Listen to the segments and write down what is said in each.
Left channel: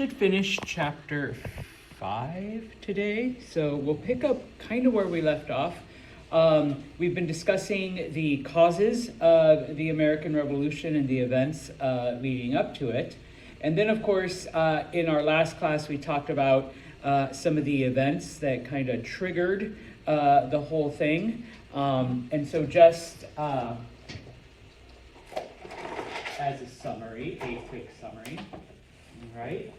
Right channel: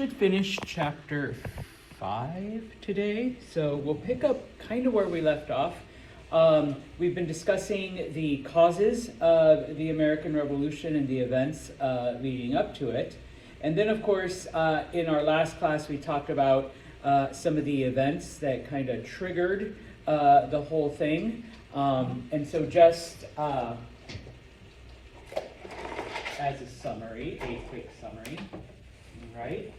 should finish chapter 5 today, so we'll pick up kind of where we left off. We've been discussing the causes of the American Revolution and the events leading up to it. And then, of course, in our last class, we talked about some of the events that kind of triggered the whole thing. And so just as a summary, a quick summary, right?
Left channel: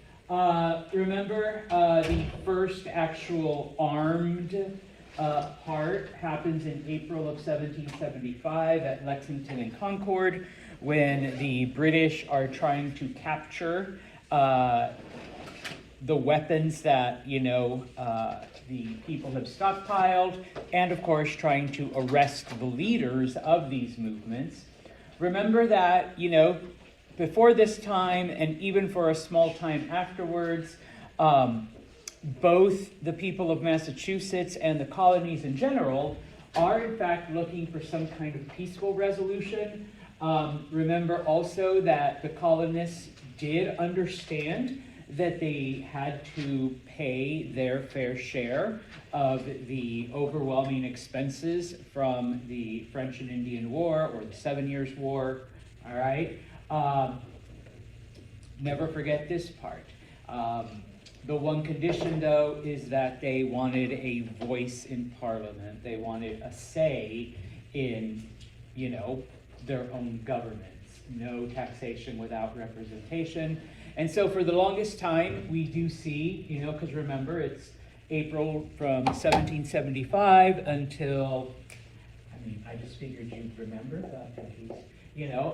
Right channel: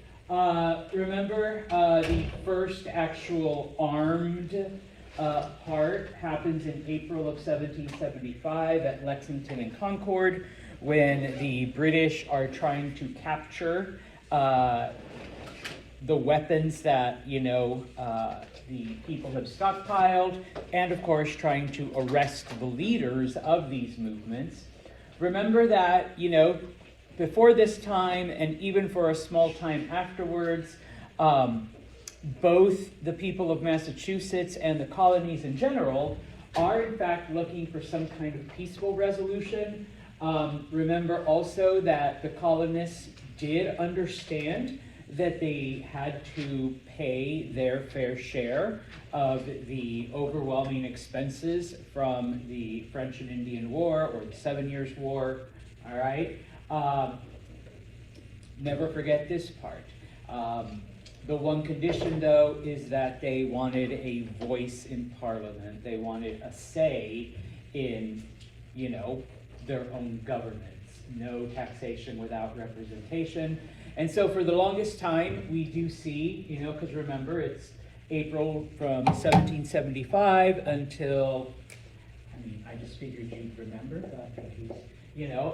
Remember the first actual armed part happens in April of 1775 at Lexington and Concord, when the British are trying to capture the weapons that, the people have stockpiled, and of course trying to arrest the leaders of these movements. Remember that, before this time and even for a small time afterwards, both the people of Massachusetts and the colonies in general are in fact looking for some kind of peaceful resolution. Remember also that the colonists did understand that they had to pay their fair share of the overwhelming expenses from the French and Indian War, or the 7 Years' War, all right? Never forget this part. The one condition, though, is that they wanted a voice in Parliament. They wanted a say in, their own governments. No taxation without representation. And so for the longest time, we do see, because remember, it's April from 1775 until, I just figured you'd remember, but,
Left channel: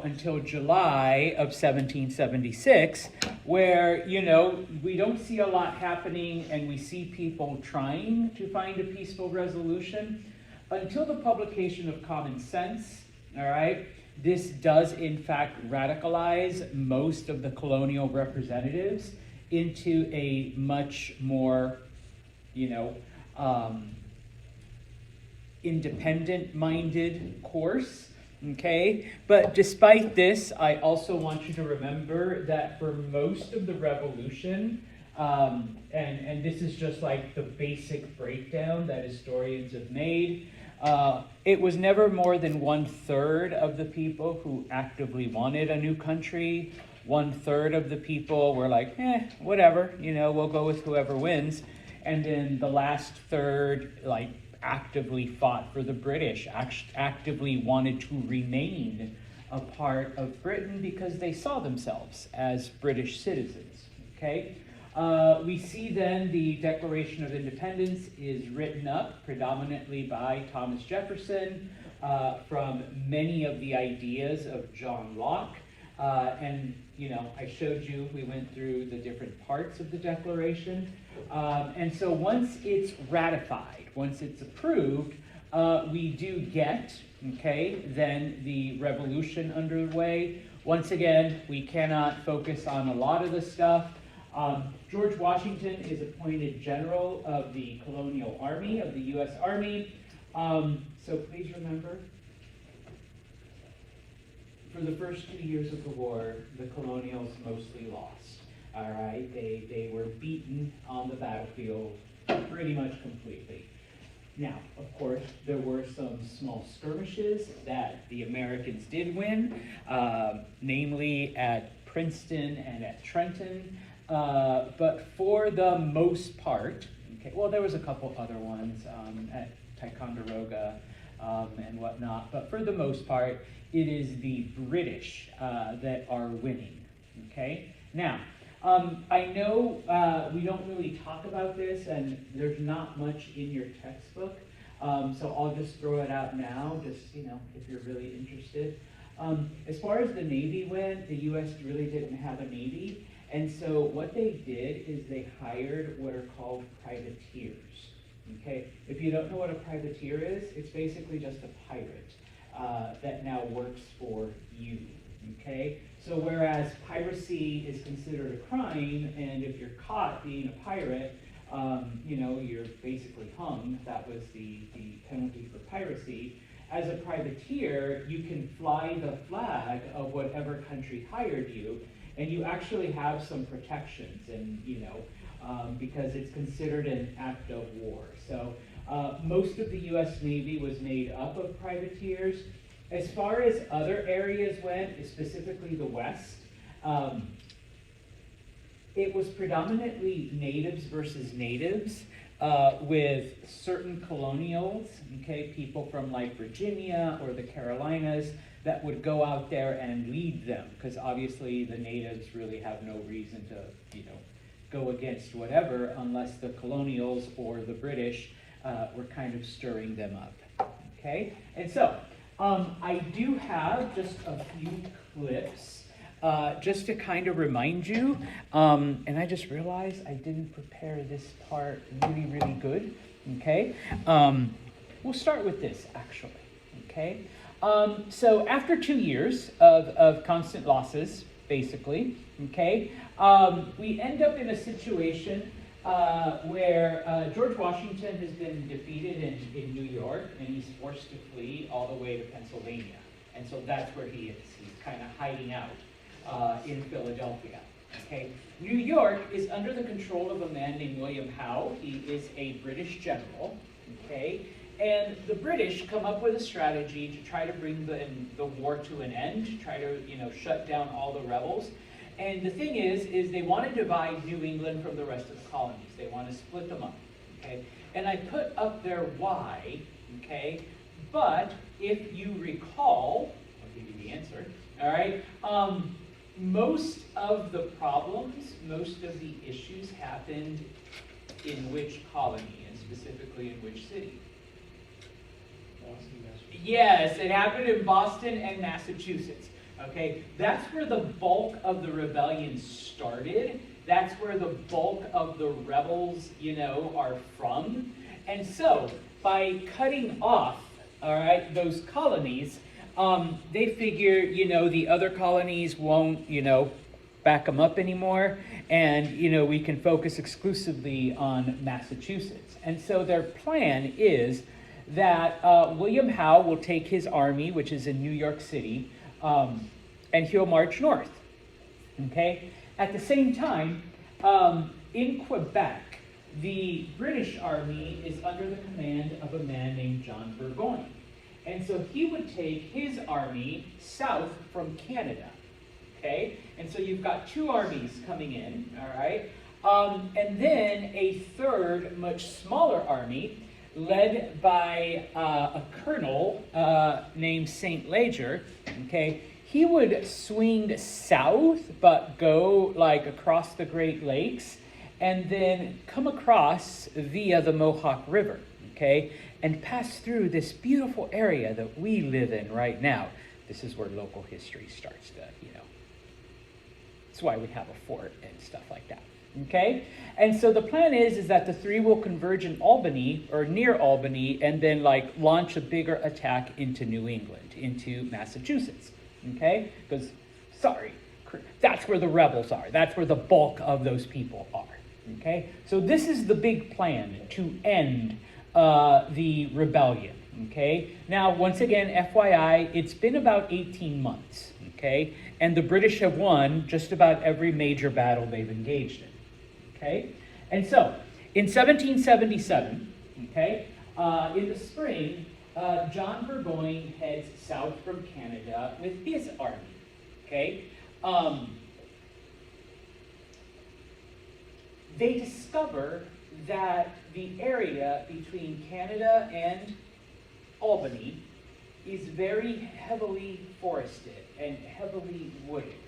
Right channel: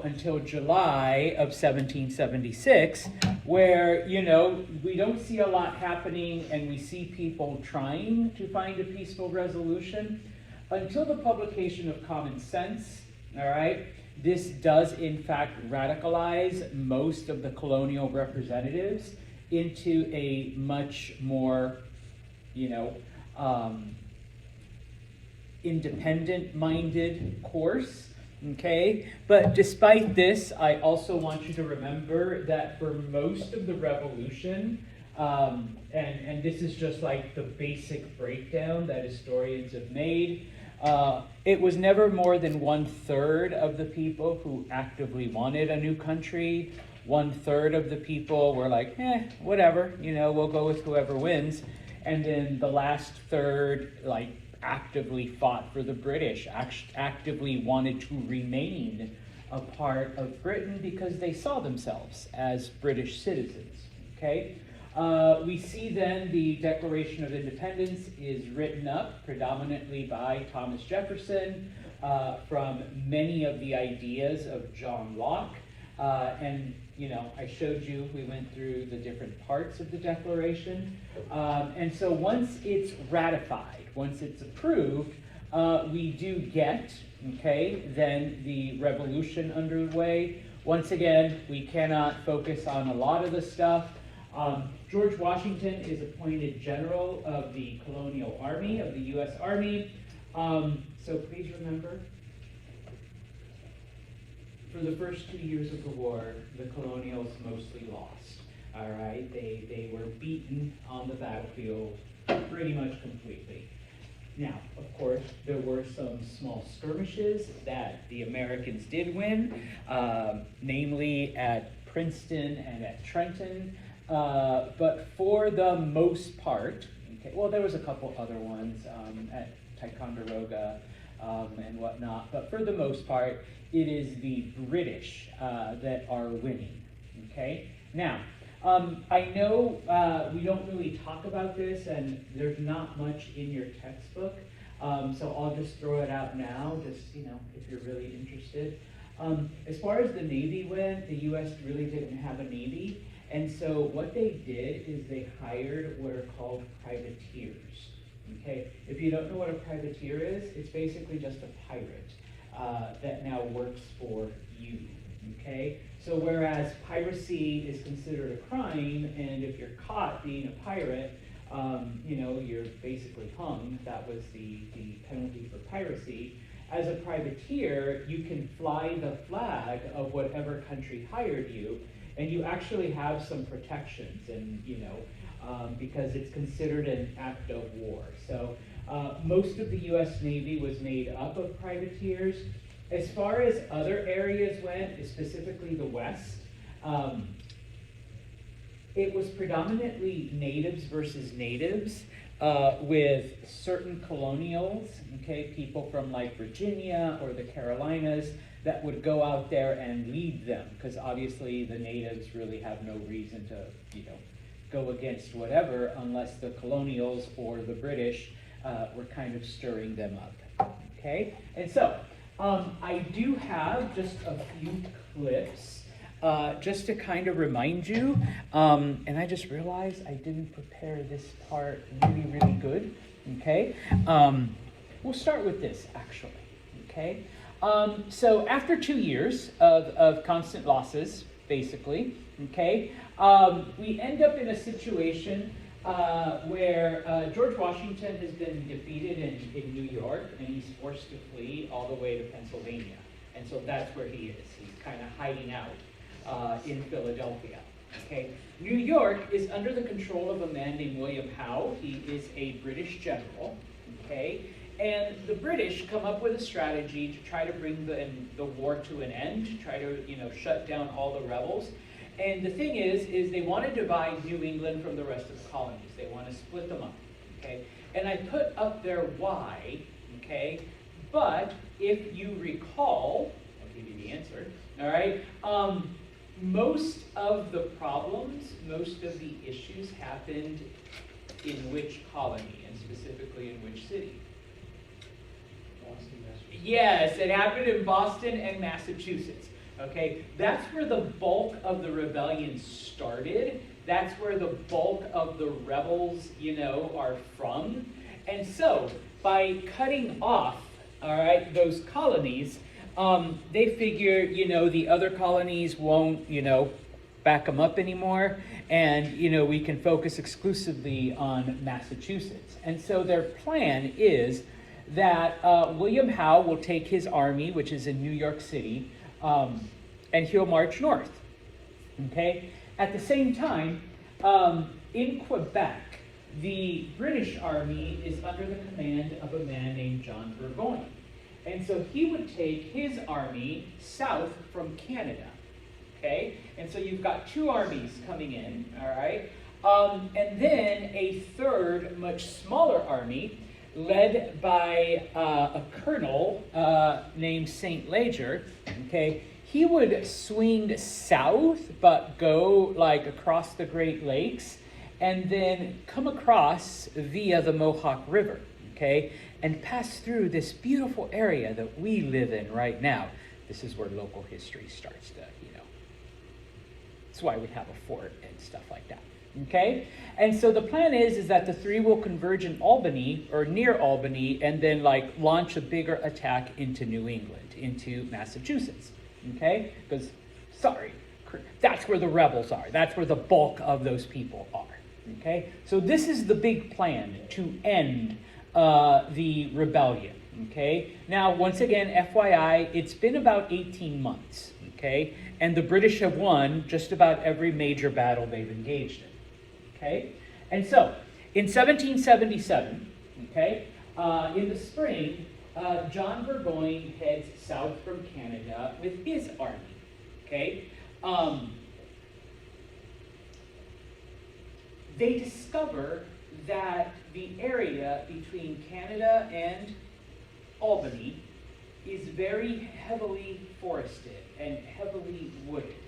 until July of 1776, where, we don't see a lot happening and we see people trying to find a peaceful resolution until the publication of Common Sense, all right? This does, in fact, radicalize most of the colonial representatives into a much more, independent-minded course, okay? But despite this, I also want you to remember that for most of the revolution, and this is just like the basic breakdown that historians have made, it was never more than 1/3 of the people who actively wanted a new country. 1/3 of the people were like, whatever, we'll go with whoever wins. And then the last third, actively fought for the British, actively wanted to remain a part of Britain because they saw themselves as British citizens, okay? We see then the Declaration of Independence is written up predominantly by Thomas Jefferson from many of the ideas of John Locke. And, I showed you, we went through the different parts of the Declaration. And so once it's ratified, once it's approved, we do get, then the revolution underway. Once again, we cannot focus on a lot of the stuff. George Washington is appointed general of the Colonial Army, of the U.S. Army. So please remember, for the first 2 years of the war, the colonials mostly lost. All right, they were beaten on the battlefield pretty much completely. Now, of course, there were some small skirmishes that the Americans did win, namely at Princeton and at Trenton. But for the most part, there was a couple other ones at Ticonderoga and whatnot, but for the most part, it is the British that are winning, okay? Now, I know we don't really talk about this, and there's not much in your textbook, so I'll just throw it out now, just, if you're really interested. As far as the Navy went, the U.S. really didn't have a Navy, and so what they did is they hired what are called privateers, okay? If you don't know what a privateer is, it's basically just a pirate that now works for you, okay? So whereas piracy is considered a crime, and if you're caught being a pirate, you're basically hung. That was the penalty for piracy. As a privateer, you can fly the flag of whatever country hired you, And you actually have some protections, and because it's considered an act of war. So most of the U.S. Navy was made up of privateers. As far as other areas went, specifically the West, it was predominantly natives versus natives, with certain colonials, okay, people from like Virginia or the Carolinas that would go out there and lead them, because obviously the natives really have no reason to, go against whatever unless the colonials or the British were kind of stirring them up, okay? And so, I do have just a few clips just to kind of remind you, and I just realized I didn't prepare this part really, really good, okay? We'll start with this, actually, okay? So after 2 years of constant losses, basically, okay, we end up in a situation where George Washington has been defeated in New York, and he's forced to flee all the way to Pennsylvania. And so that's where he is. He's kind of hiding out in Philadelphia. Okay. New York is under the control of a man named William Howe. He is a British general. Okay. And the British come up with a strategy to try to bring the war to an end, to try to shut down all the rebels. And the thing is they want to divide New England from the rest of the colonies. They want to split them up, okay? And I put up there why, okay? But if you recall, I'll give you the answer, all right? Most of the problems, most of the issues happened in which colony, and specifically in which city? Boston, Massachusetts. Yes, it happened in Boston and Massachusetts. Okay, that's where the bulk of the rebellion started. That's where the bulk of the rebels, are from. And so, by cutting off, all right, those colonies, they figure, the other colonies won't, back them up anymore, and, we can focus exclusively on Massachusetts. And so their plan is that William Howe will take his army, which is in New York City, and he'll march north, okay? At the same time, in Quebec, the British army is under the command of a man named John Burgoyne. And so he would take his army south from Canada, okay? And so you've got two armies coming in, all right? And then a third, much smaller army, led by a colonel named St. Leger, okay? He would swing south, but go like across the Great Lakes, and then come across via the Mohawk River, okay? And pass through this beautiful area that we live in right now. This is where local history starts to, That's why we have a fort and stuff like that, okay? And so the plan is that the three will converge in Albany, or near Albany, and then like launch a bigger attack into New England, into Massachusetts, okay? Because, that's where the rebels are. That's where the bulk of those people are, okay? So this is the big plan to end the rebellion, okay? Now, once again, FYI, it's been about 18 months, okay? And the British have won just about every major battle they've engaged in, okay? And so, in 1777, okay, in the spring, John Burgoyne heads south from Canada with his army, okay? They discover that the area between Canada and Albany is very heavily forested and heavily wooded,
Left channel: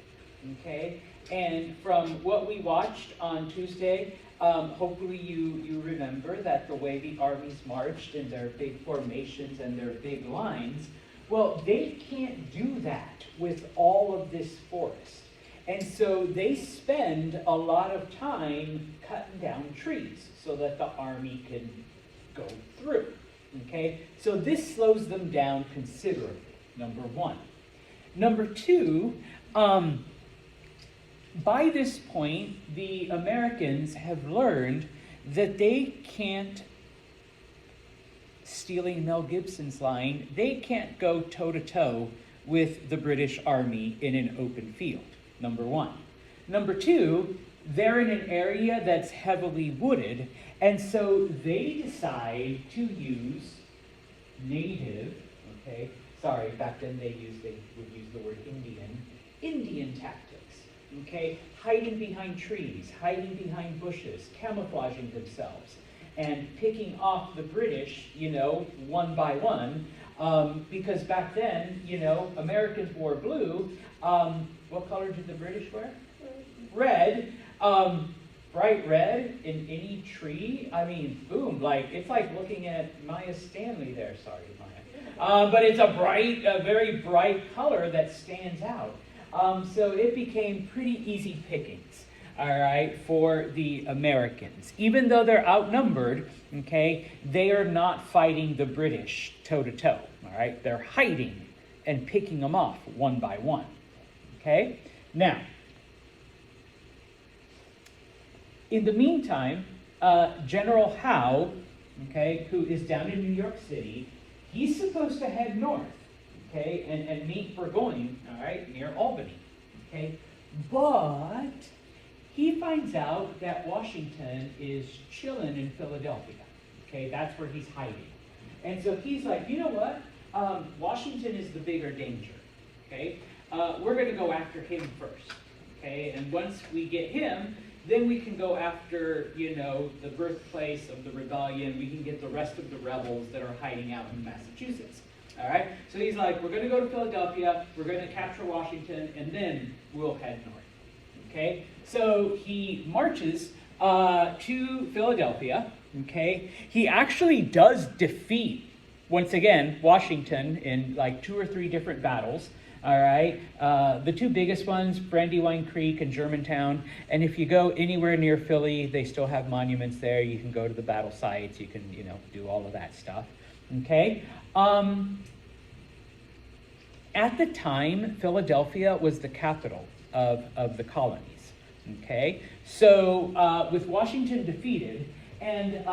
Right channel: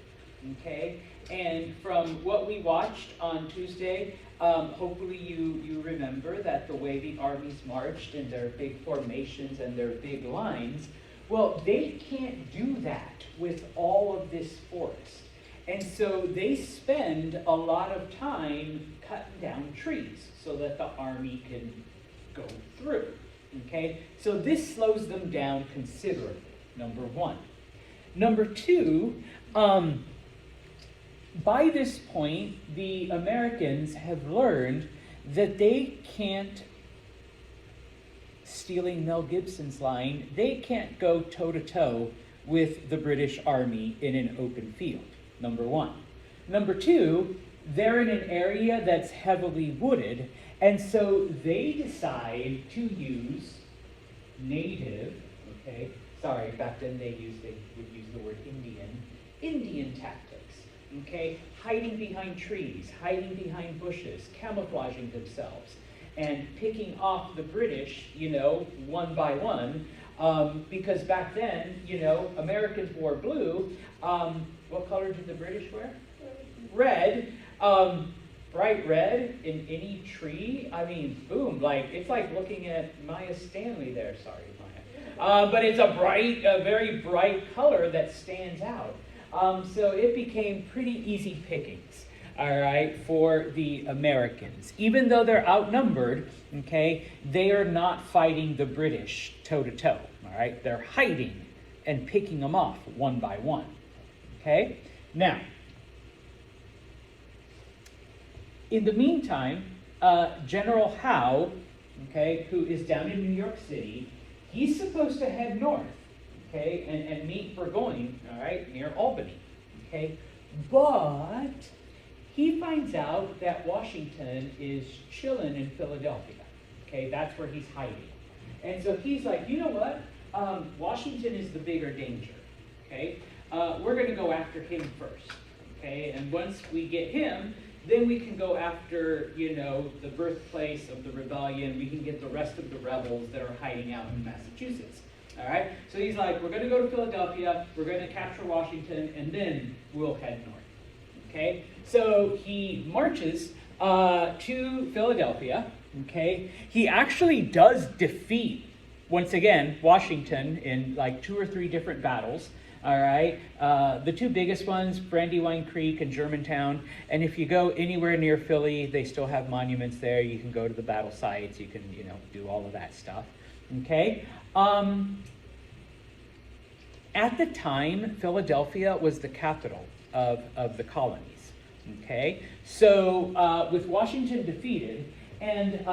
okay? And from what we watched on Tuesday, hopefully you remember that the way the armies marched in their big formations and their big lines, well, they can't do that with all of this forest. And so they spend a lot of time cutting down trees so that the army can go through, okay? So this slows them down considerably, number one. Number two, by this point, the Americans have learned that they can't, stealing Mel Gibson's line, they can't go toe-to-toe with the British Army in an open field, number one. Number two, they're in an area that's heavily wooded, and so they decide to use native, okay, sorry, back then they would use the word Indian tactics, okay, hiding behind trees, hiding behind bushes, camouflaging themselves, and picking off the British, one by one, because back then, Americans wore blue. What color did the British wear? Red. Bright red in any tree. I mean, boom, it's like looking at Maya Stanley there. Sorry, Maya. But it's a very bright color that stands out. So it became pretty easy pickings, all right, for the Americans. Even though they're outnumbered, okay, they are not fighting the British toe-to-toe, all right? They're hiding and picking them off one by one, okay? Now, in the meantime, General Howe, okay, who is down in New York City, he's supposed to head north, okay, and meet Burgoyne, all right, near Albany, okay? But he finds out that Washington is chilling in Philadelphia, okay? That's where he's hiding. And so he's like, you know what? Washington is the bigger danger, okay? We're going to go after him first, okay? And once we get him, then we can go after, the birthplace of the rebellion. We can get the rest of the rebels that are hiding out in Massachusetts. All right? So he's like, we're going to go to Philadelphia, we're going to capture Washington, and then we'll head north. Okay? So he marches to Philadelphia. Okay? He actually does defeat, once again, Washington in 2 or 3 different battles. All right, the 2 biggest ones, Brandywine Creek and Germantown. And if you go anywhere near Philly, they still have monuments there. You can go to the battle sites. You can, do all of that stuff. Okay. At the time, Philadelphia was the capital of the colonies. Okay. So with Washington defeated, and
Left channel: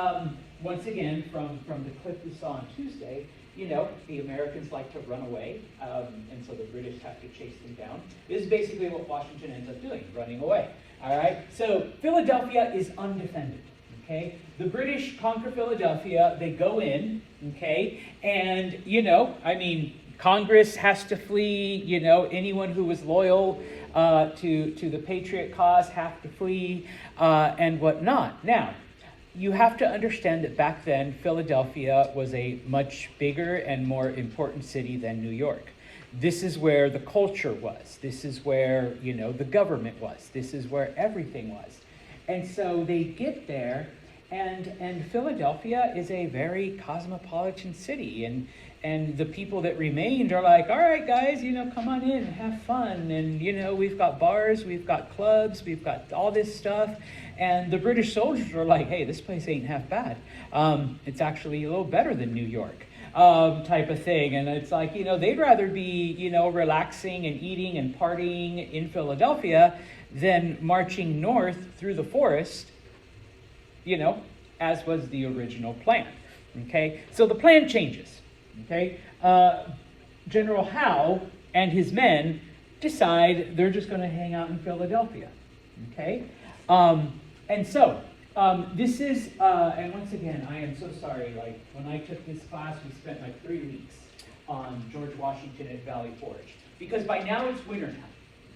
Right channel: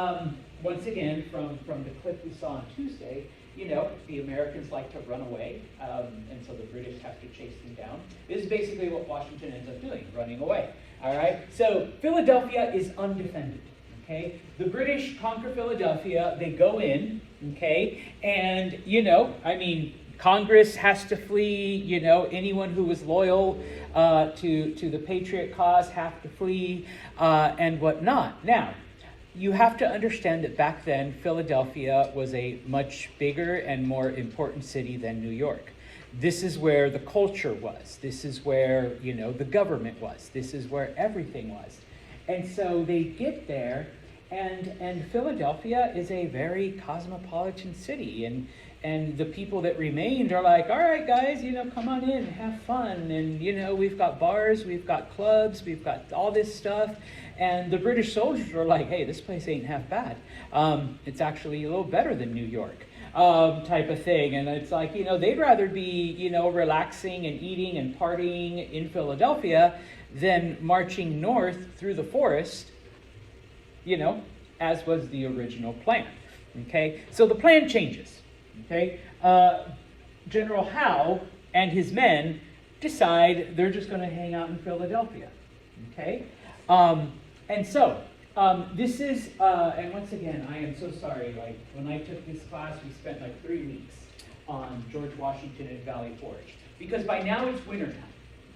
once again, from the clip we saw on Tuesday, the Americans like to run away, and so the British have to chase them down. This is basically what Washington ends up doing, running away. All right? So Philadelphia is undefended, okay? The British conquer Philadelphia, they go in, okay? And, Congress has to flee, anyone who was loyal to the Patriot cause have to flee, and whatnot. Now, you have to understand that back then, Philadelphia was a much bigger and more important city than New York. This is where the culture was. This is where, the government was. This is where everything was. And so they get there, and Philadelphia is a very cosmopolitan city. And the people that remained are like, all right, guys, come on in and have fun. And, we've got bars, we've got clubs, we've got all this stuff. And the British soldiers are like, hey, this place ain't half bad. It's actually a little better than New York, type of thing. And it's like, they'd rather be, relaxing and eating and partying in Philadelphia than marching north through the forest, as was the original plan. Okay, so the plan changes. Okay, General Howe and his men decide they're just going to hang out in Philadelphia. Okay. And so, this is, and once again, I am so sorry, when I took this class, we spent 3 weeks on George Washington at Valley Forge. Because by now it's wintertime,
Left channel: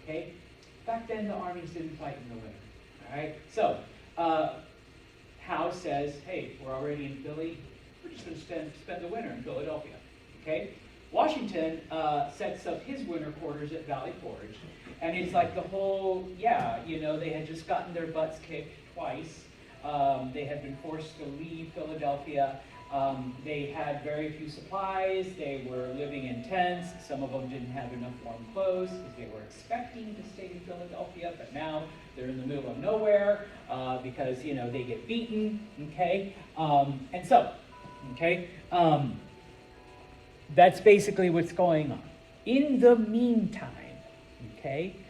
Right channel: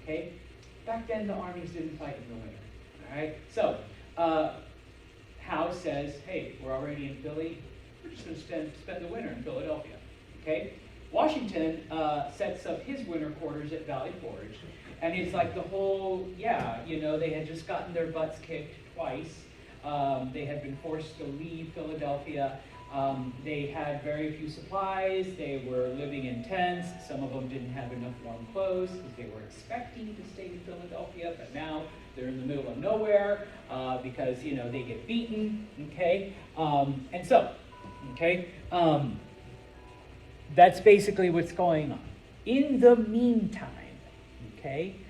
okay? Back then the armies didn't fight in the winter, all right? So, Howe says, hey, we're already in Philly, we're just going to spend the winter in Philadelphia, okay? Washington sets up his winter quarters at Valley Forge. And it's like the whole, they had just gotten their butts kicked twice. They had been forced to leave Philadelphia. They had very few supplies. They were living in tents. Some of them didn't have enough warm clothes. They were expecting to stay in Philadelphia, but now they're in the middle of nowhere because, they get beaten, okay? And so, okay, that's basically what's going on. In the meantime, okay,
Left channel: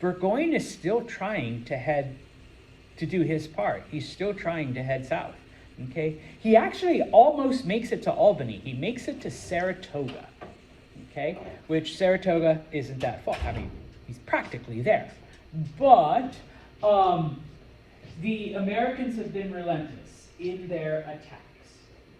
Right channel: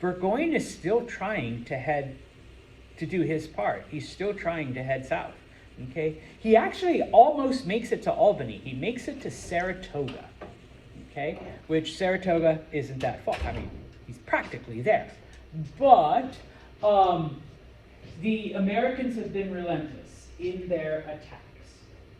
Burgoyne is still trying to do his part. He's still trying to head south, okay? He actually almost makes it to Albany. He makes it to Saratoga, okay? Which Saratoga isn't that far. I mean, he's practically there, But the Americans have been relentless in their attacks.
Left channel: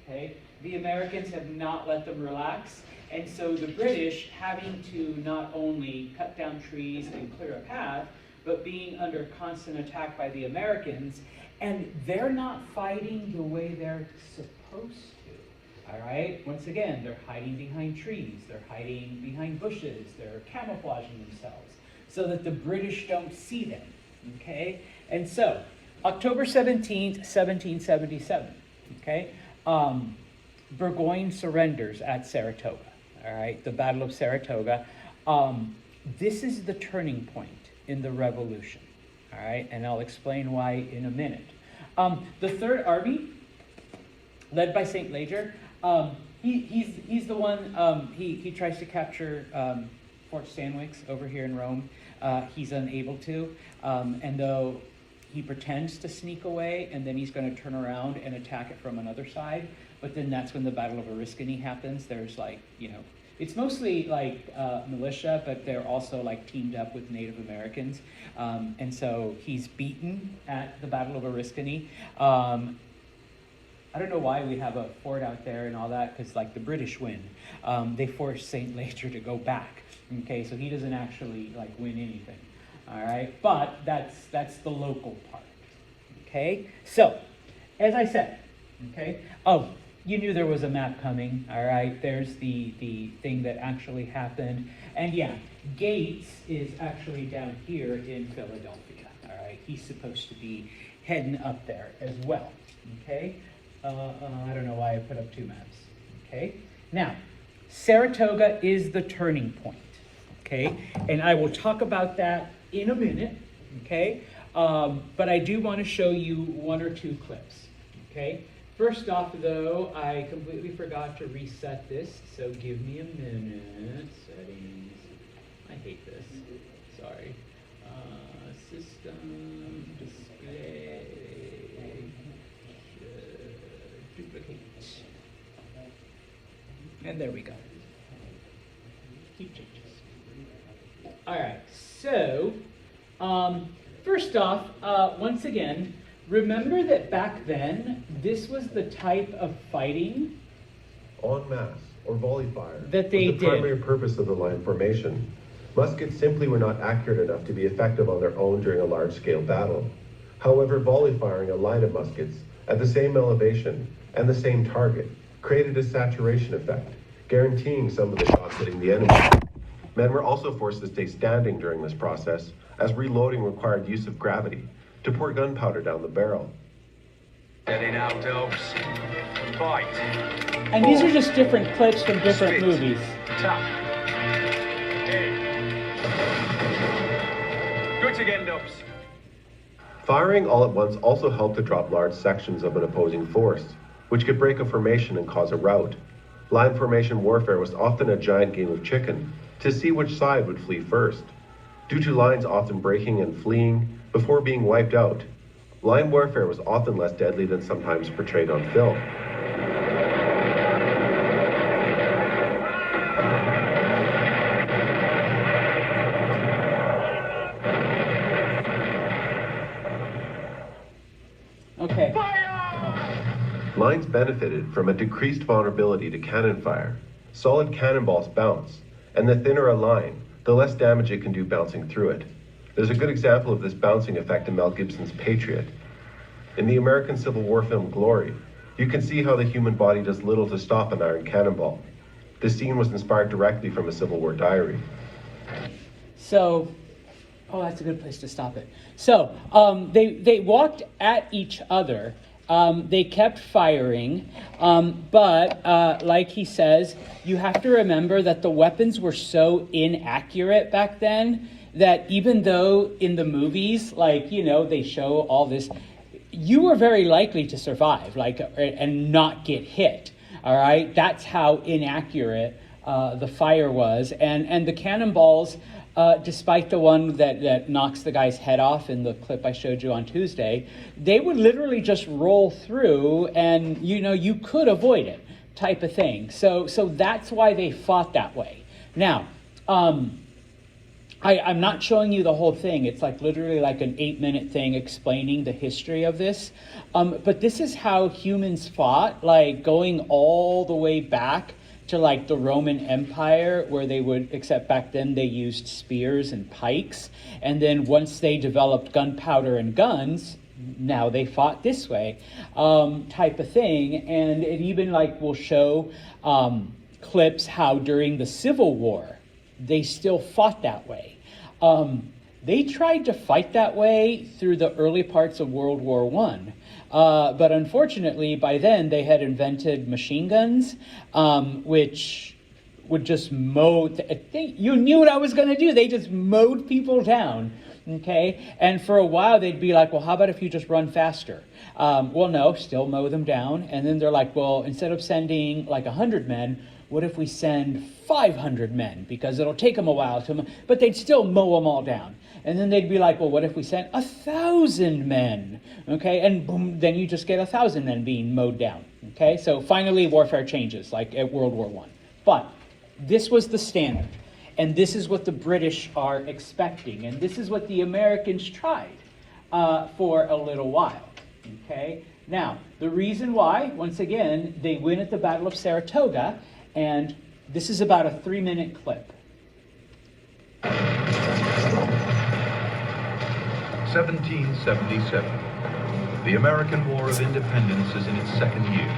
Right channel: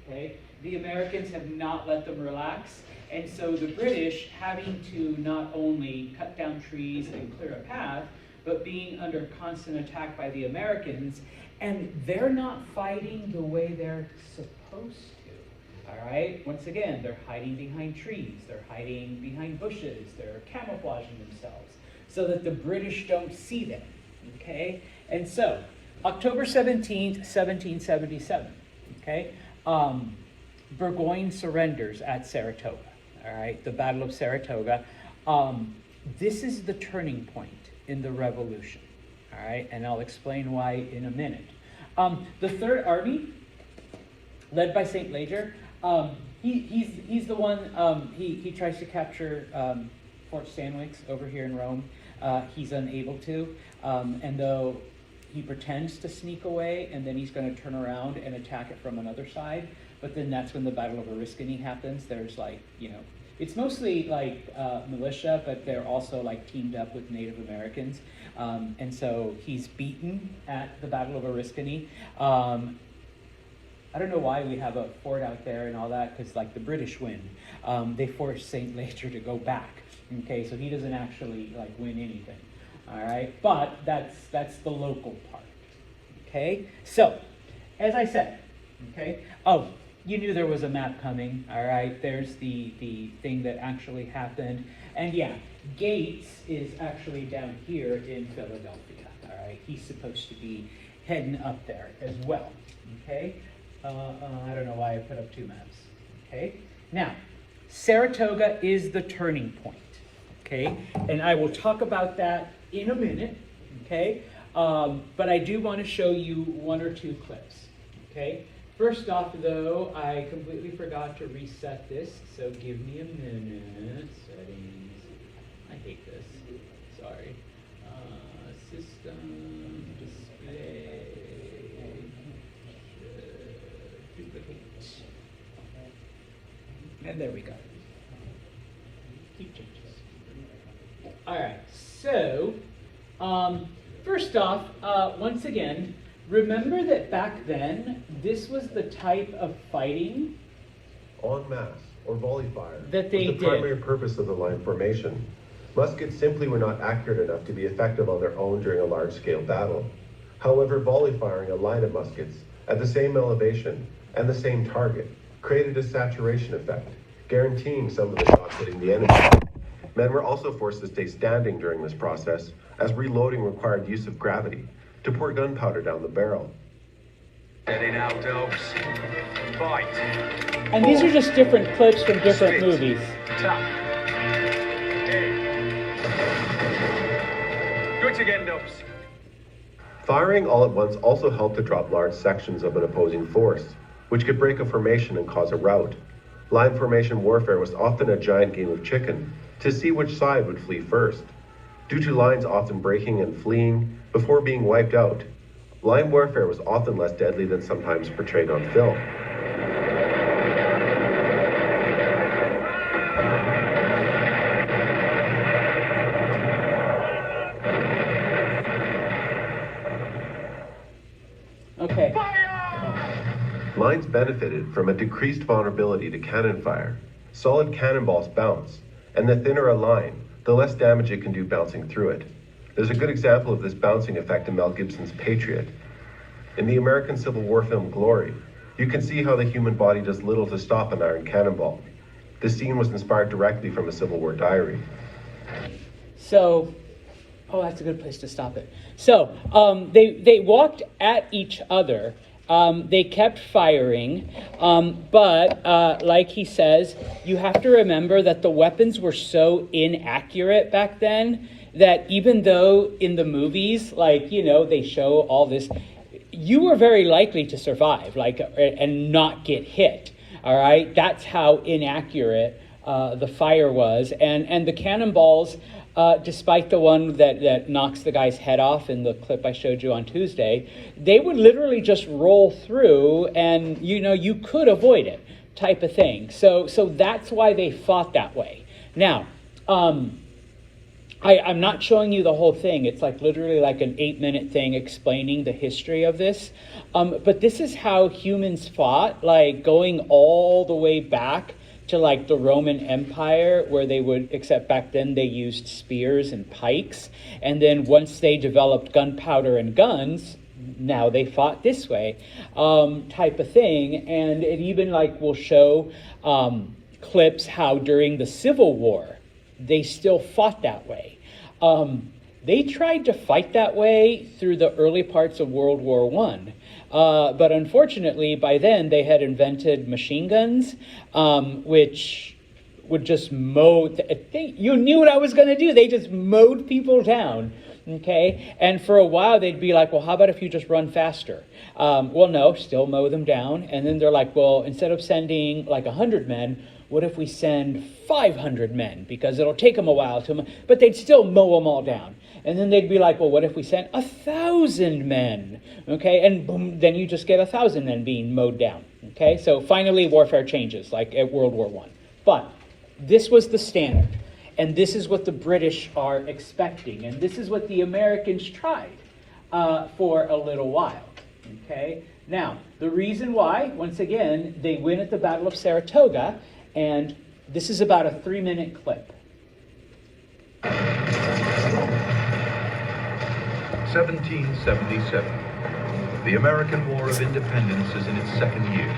Okay, the Americans have not let them relax, and so the British, having to not only cut down trees and clear a path, but being under constant attack by the Americans, and they're not fighting the way they're supposed to. All right, once again, they're hiding behind trees, they're hiding behind bushes, they're camouflaging themselves so that the British don't see them. Okay, and so October 17th, 1777, okay, Burgoyne surrenders at Saratoga, all right, the Battle of Saratoga. This is the turning point in the Revolution, all right, and I'll explain why in a minute. The Third Army, led by St. Leger, he's the one, he tries to capture Fort Stanwix over here in Rome. He's unable to, and though he pretends to sneak away, and then he's going to turn around and attack it from another side. But then that's when the Battle of Oriskany happens. There's like, it's mostly like militia, but they're also like teamed up with Native Americans. And so he's beaten at the Battle of Oriskany. I don't know why we have a fort out there and all that, because like the British win. They force St. Leger to go back. Okay, so he doesn't actually like win anything. All right, but that's the local part. Okay, so as I said, okay. Oh, you knew there was a map coming. All right, there's the thing that actually happened, and yeah, Gates is actually down here in Philadelphia. All right, he's supposed to be heading up there as well. Okay, I don't know why I put up two maps. Okay, now Saratoga is the turning point. Okay, and I will talk about that in a minute, okay? But I do want to show you one or two clips, okay? First off, though, I completely forgot to reset this, so give me a minute. Settings. I hate this. Sorry. System display. And there we go. All right, so first off, once again, remember that back then, this was the type of fighting en masse or volley fire that they the did. primary purpose of the line formation. Muskets simply were not accurate enough to be effective on their own during a large-scale battle. However, volley firing a line of muskets at the same elevation and the same target created a saturation effect, guaranteeing some of the shots hitting the enemy. Men were also forced to stay standing during this process, as reloading required use of gravity to pour gunpowder down the barrel. Ready now, dogs. Fight. And these are just different clips from different movies. Attack. Good again, dogs. Firing all at once also helped to drop large sections of an opposing force, which could break a formation and cause a rout. Line formation warfare was often a giant game of chicken, to see which side would flee first. Due to lines often breaking and fleeing before being wiped out, line warfare was often less deadly than sometimes portrayed on film. Okay. Lines benefited from a decreased vulnerability to cannon fire. Solid cannonballs bounce, and the thinner a line, the less damage it can do bouncing through it. There's a good example of this bouncing effect in Mel Gibson's Patriot. In the American Civil War film Glory, you can see how the human body does little to stop an iron cannonball. This scene was inspired directly from a Civil War diary. So, that's a good place to stop it. So, they walked at each other. They kept firing, but like he says, you have to remember that the weapons were so inaccurate back then that even though in the movies, they show all this, you were very likely to survive, and not get hit. All right, that's how inaccurate the fire was, and the cannonballs. Despite the one that knocks the guy's head off in the clip I showed you on Tuesday, they would literally just roll through and, you could avoid it type of thing. So that's why they fought that way. Now, I'm not showing you the whole thing. It's like literally like an 8-minute thing explaining the history of this. But this is how humans fought, like going all the way back to like the Roman Empire, where they would, except back then they used spears and pikes. And then once they developed gunpowder and guns, now they fought this way, type of thing. And it even like will show clips how during the Civil War, they still fought that way. They tried to fight that way through the early parts of World War I. But unfortunately, by then, they had invented machine guns, which would just mow. You knew what I was going to do. They just mowed people down, okay? And for a while, they'd be like, well, how about if you just run faster? Well, no, still mow them down. And then they're like, well, instead of sending like 100 men, what if we send 500 men? Because it'll take them a while to, but they'd still mow them all down. And then they'd be like, well, what if we sent 1,000 men? Okay, and boom, then you just get 1,000 men being mowed down. Okay, so finally warfare changes, like at World War I. But this was the standard. And this is what the British are expecting. And this is what the Americans tried for a little while. Okay, now, the reason why, once again, they win at the Battle of Saratoga. And this is about a 3-minute clip. 1777. The American War of Independence is in its second year.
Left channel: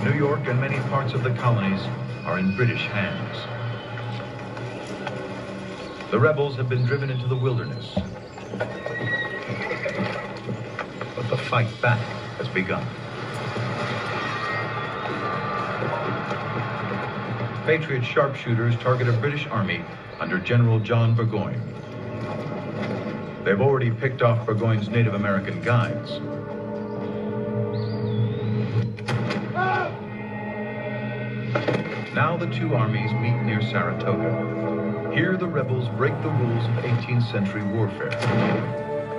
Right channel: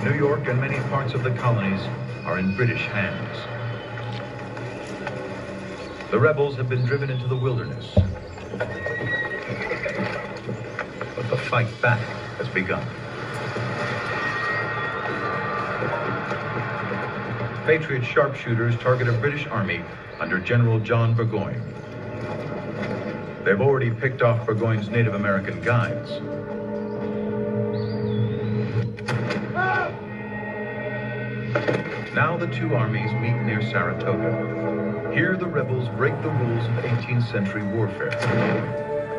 New York and many parts of the colonies are in British hands. The rebels have been driven into the wilderness. But the fight back has begun. Patriot sharpshooters target a British army under General John Burgoyne. They've already picked off Burgoyne's Native American guides. Now the two armies meet near Saratoga. Here the rebels break the rules of 18th century warfare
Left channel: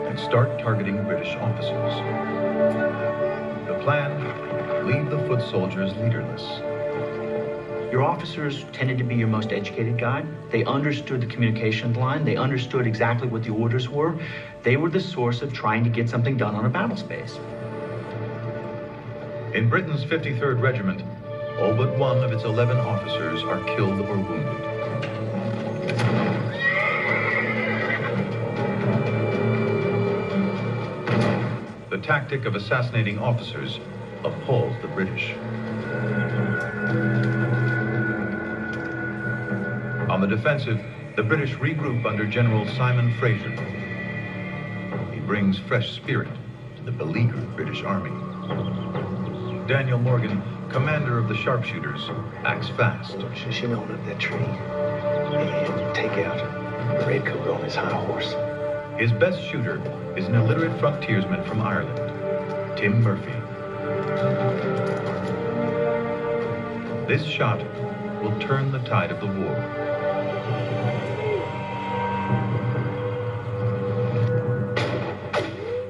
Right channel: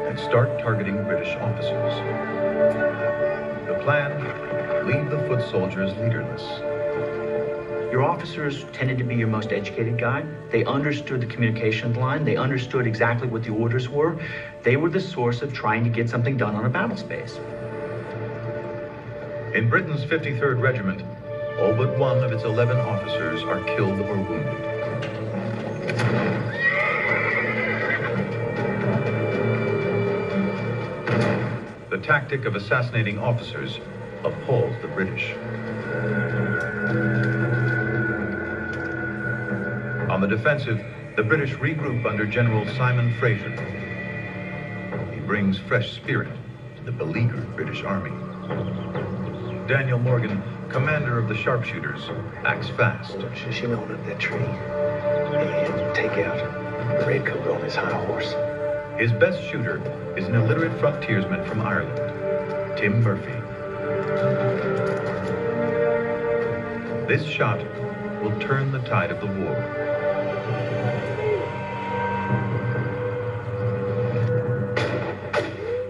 and start targeting British officers. The plan, leave the foot soldiers leaderless. Your officers tended to be your most educated guy. They understood the communication line. They understood exactly what the orders were. They were the source of trying to get something done on a battle space. In Britain's 53rd Regiment, all but one of its 11 officers are killed or wounded. The tactic of assassinating officers appalls the British. On the defensive, the British regroup under General Simon Fraser. He brings fresh spirit to the beleaguered British Army. Daniel Morgan, commander of the sharpshooters, acts fast. She know that tree and take out the redcoat on his high horse. His best shooter is an illiterate frontiersman from Ireland, Tim Murphy. This shot will turn the tide of the war.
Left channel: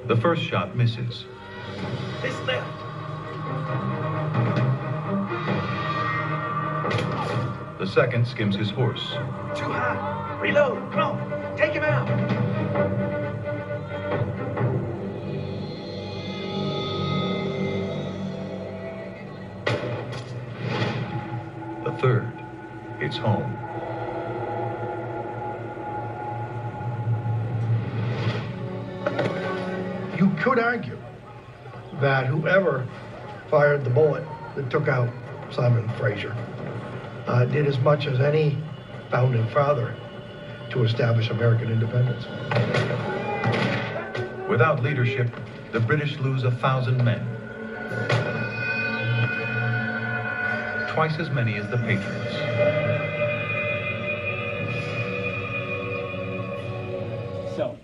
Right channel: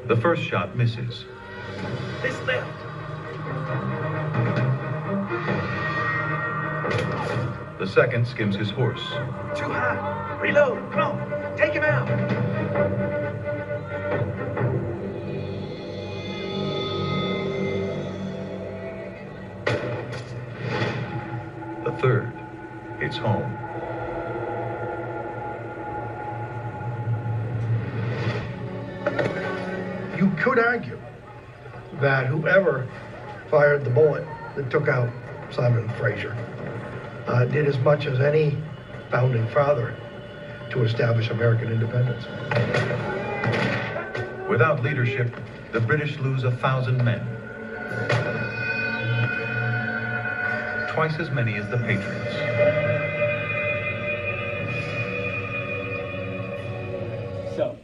The first shot misses. This left. The second skims his horse. Too high. Reload. Come on. Take him out. The third hits home. You could argue that whoever fired the bullet that took out Simon Fraser did as much as any founding father to establish American independence. Without leadership, the British lose 1,000 men. Twice as many as the Patriots. So,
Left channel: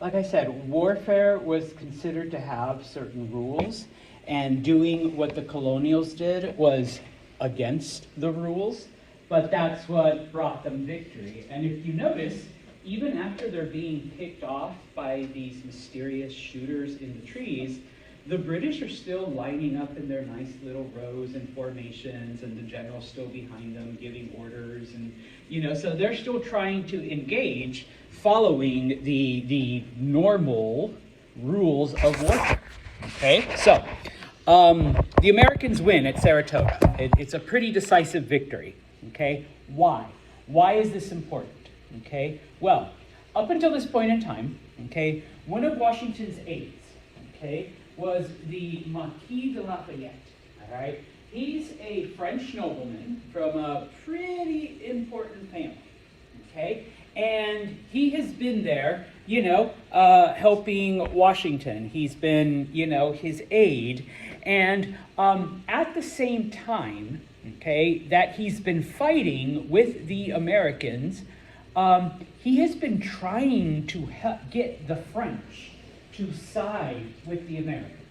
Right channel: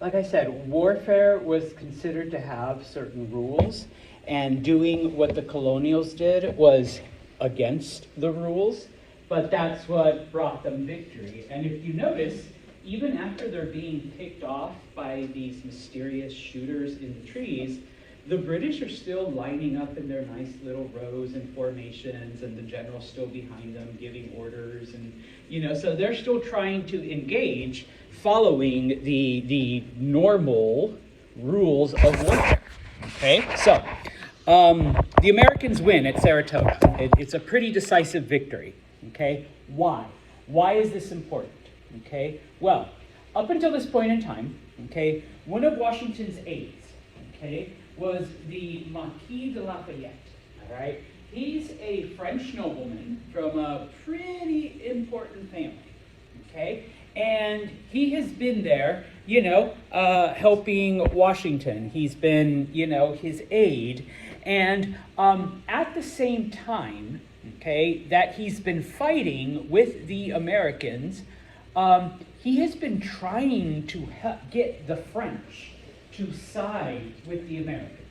like I said, warfare was considered to have certain rules, and doing what the colonials did was against the rules, but that's what brought them victory. And if you notice, even after they're being picked off by these mysterious shooters in the trees, the British are still lining up in their nice little rows and formations, and the general's still behind them giving orders, and so they're still trying to engage, following the normal rules of warfare. Okay, so the Americans win at Saratoga. It's a pretty decisive victory. Okay, why? Why is this important? Okay, well, up until this point in time, okay, one of Washington's aides, okay, was the Marquis de Lafayette. All right, he's a French nobleman from a pretty important family. Okay, and he has been there, helping Washington. He's been, his aide. And at the same time, okay, that he's been fighting with the Americans, he has been trying to get the French to side with the Americans.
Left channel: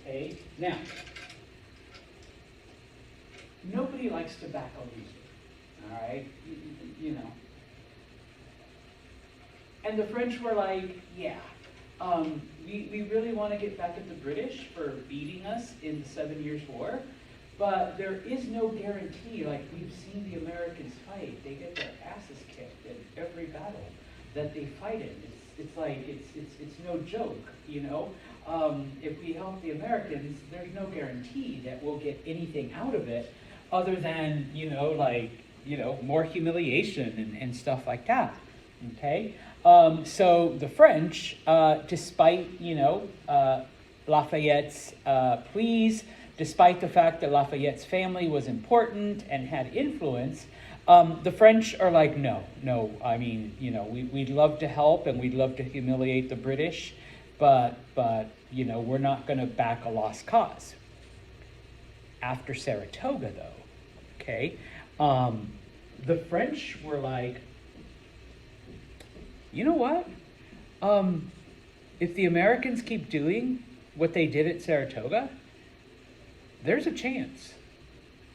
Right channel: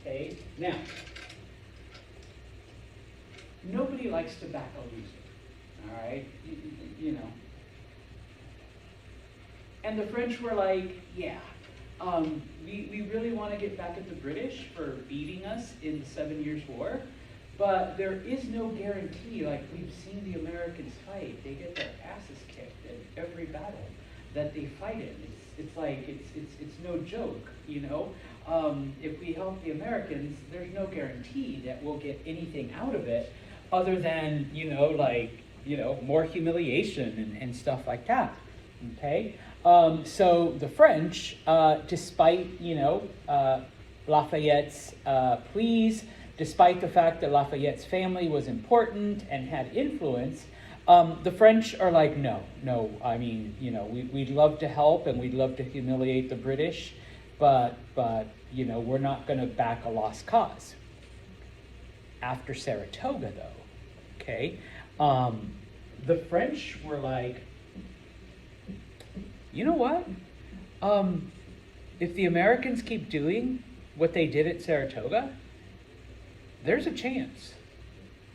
Okay, now, nobody likes to back a loser, all right, And the French were like, yeah, we really want to get back at the British for beating us in the 7 Years' War, but there is no guarantee. Like, we've seen the Americans fight; they get their asses kicked in every battle that they fight in. It's no joke, If we help the Americans, there's no guarantee that we'll get anything out of it, other than more humiliation and stuff like that. Okay. So the French, despite, Lafayette's pleas, despite the fact that Lafayette's family was important and had influence, the French are like, no, I mean, we'd love to help and we'd love to humiliate the British, but we're not going to back a lost cause. After Saratoga, though, okay, the French were like, you know what? If the Americans keep doing what they did at Saratoga, there's a chance.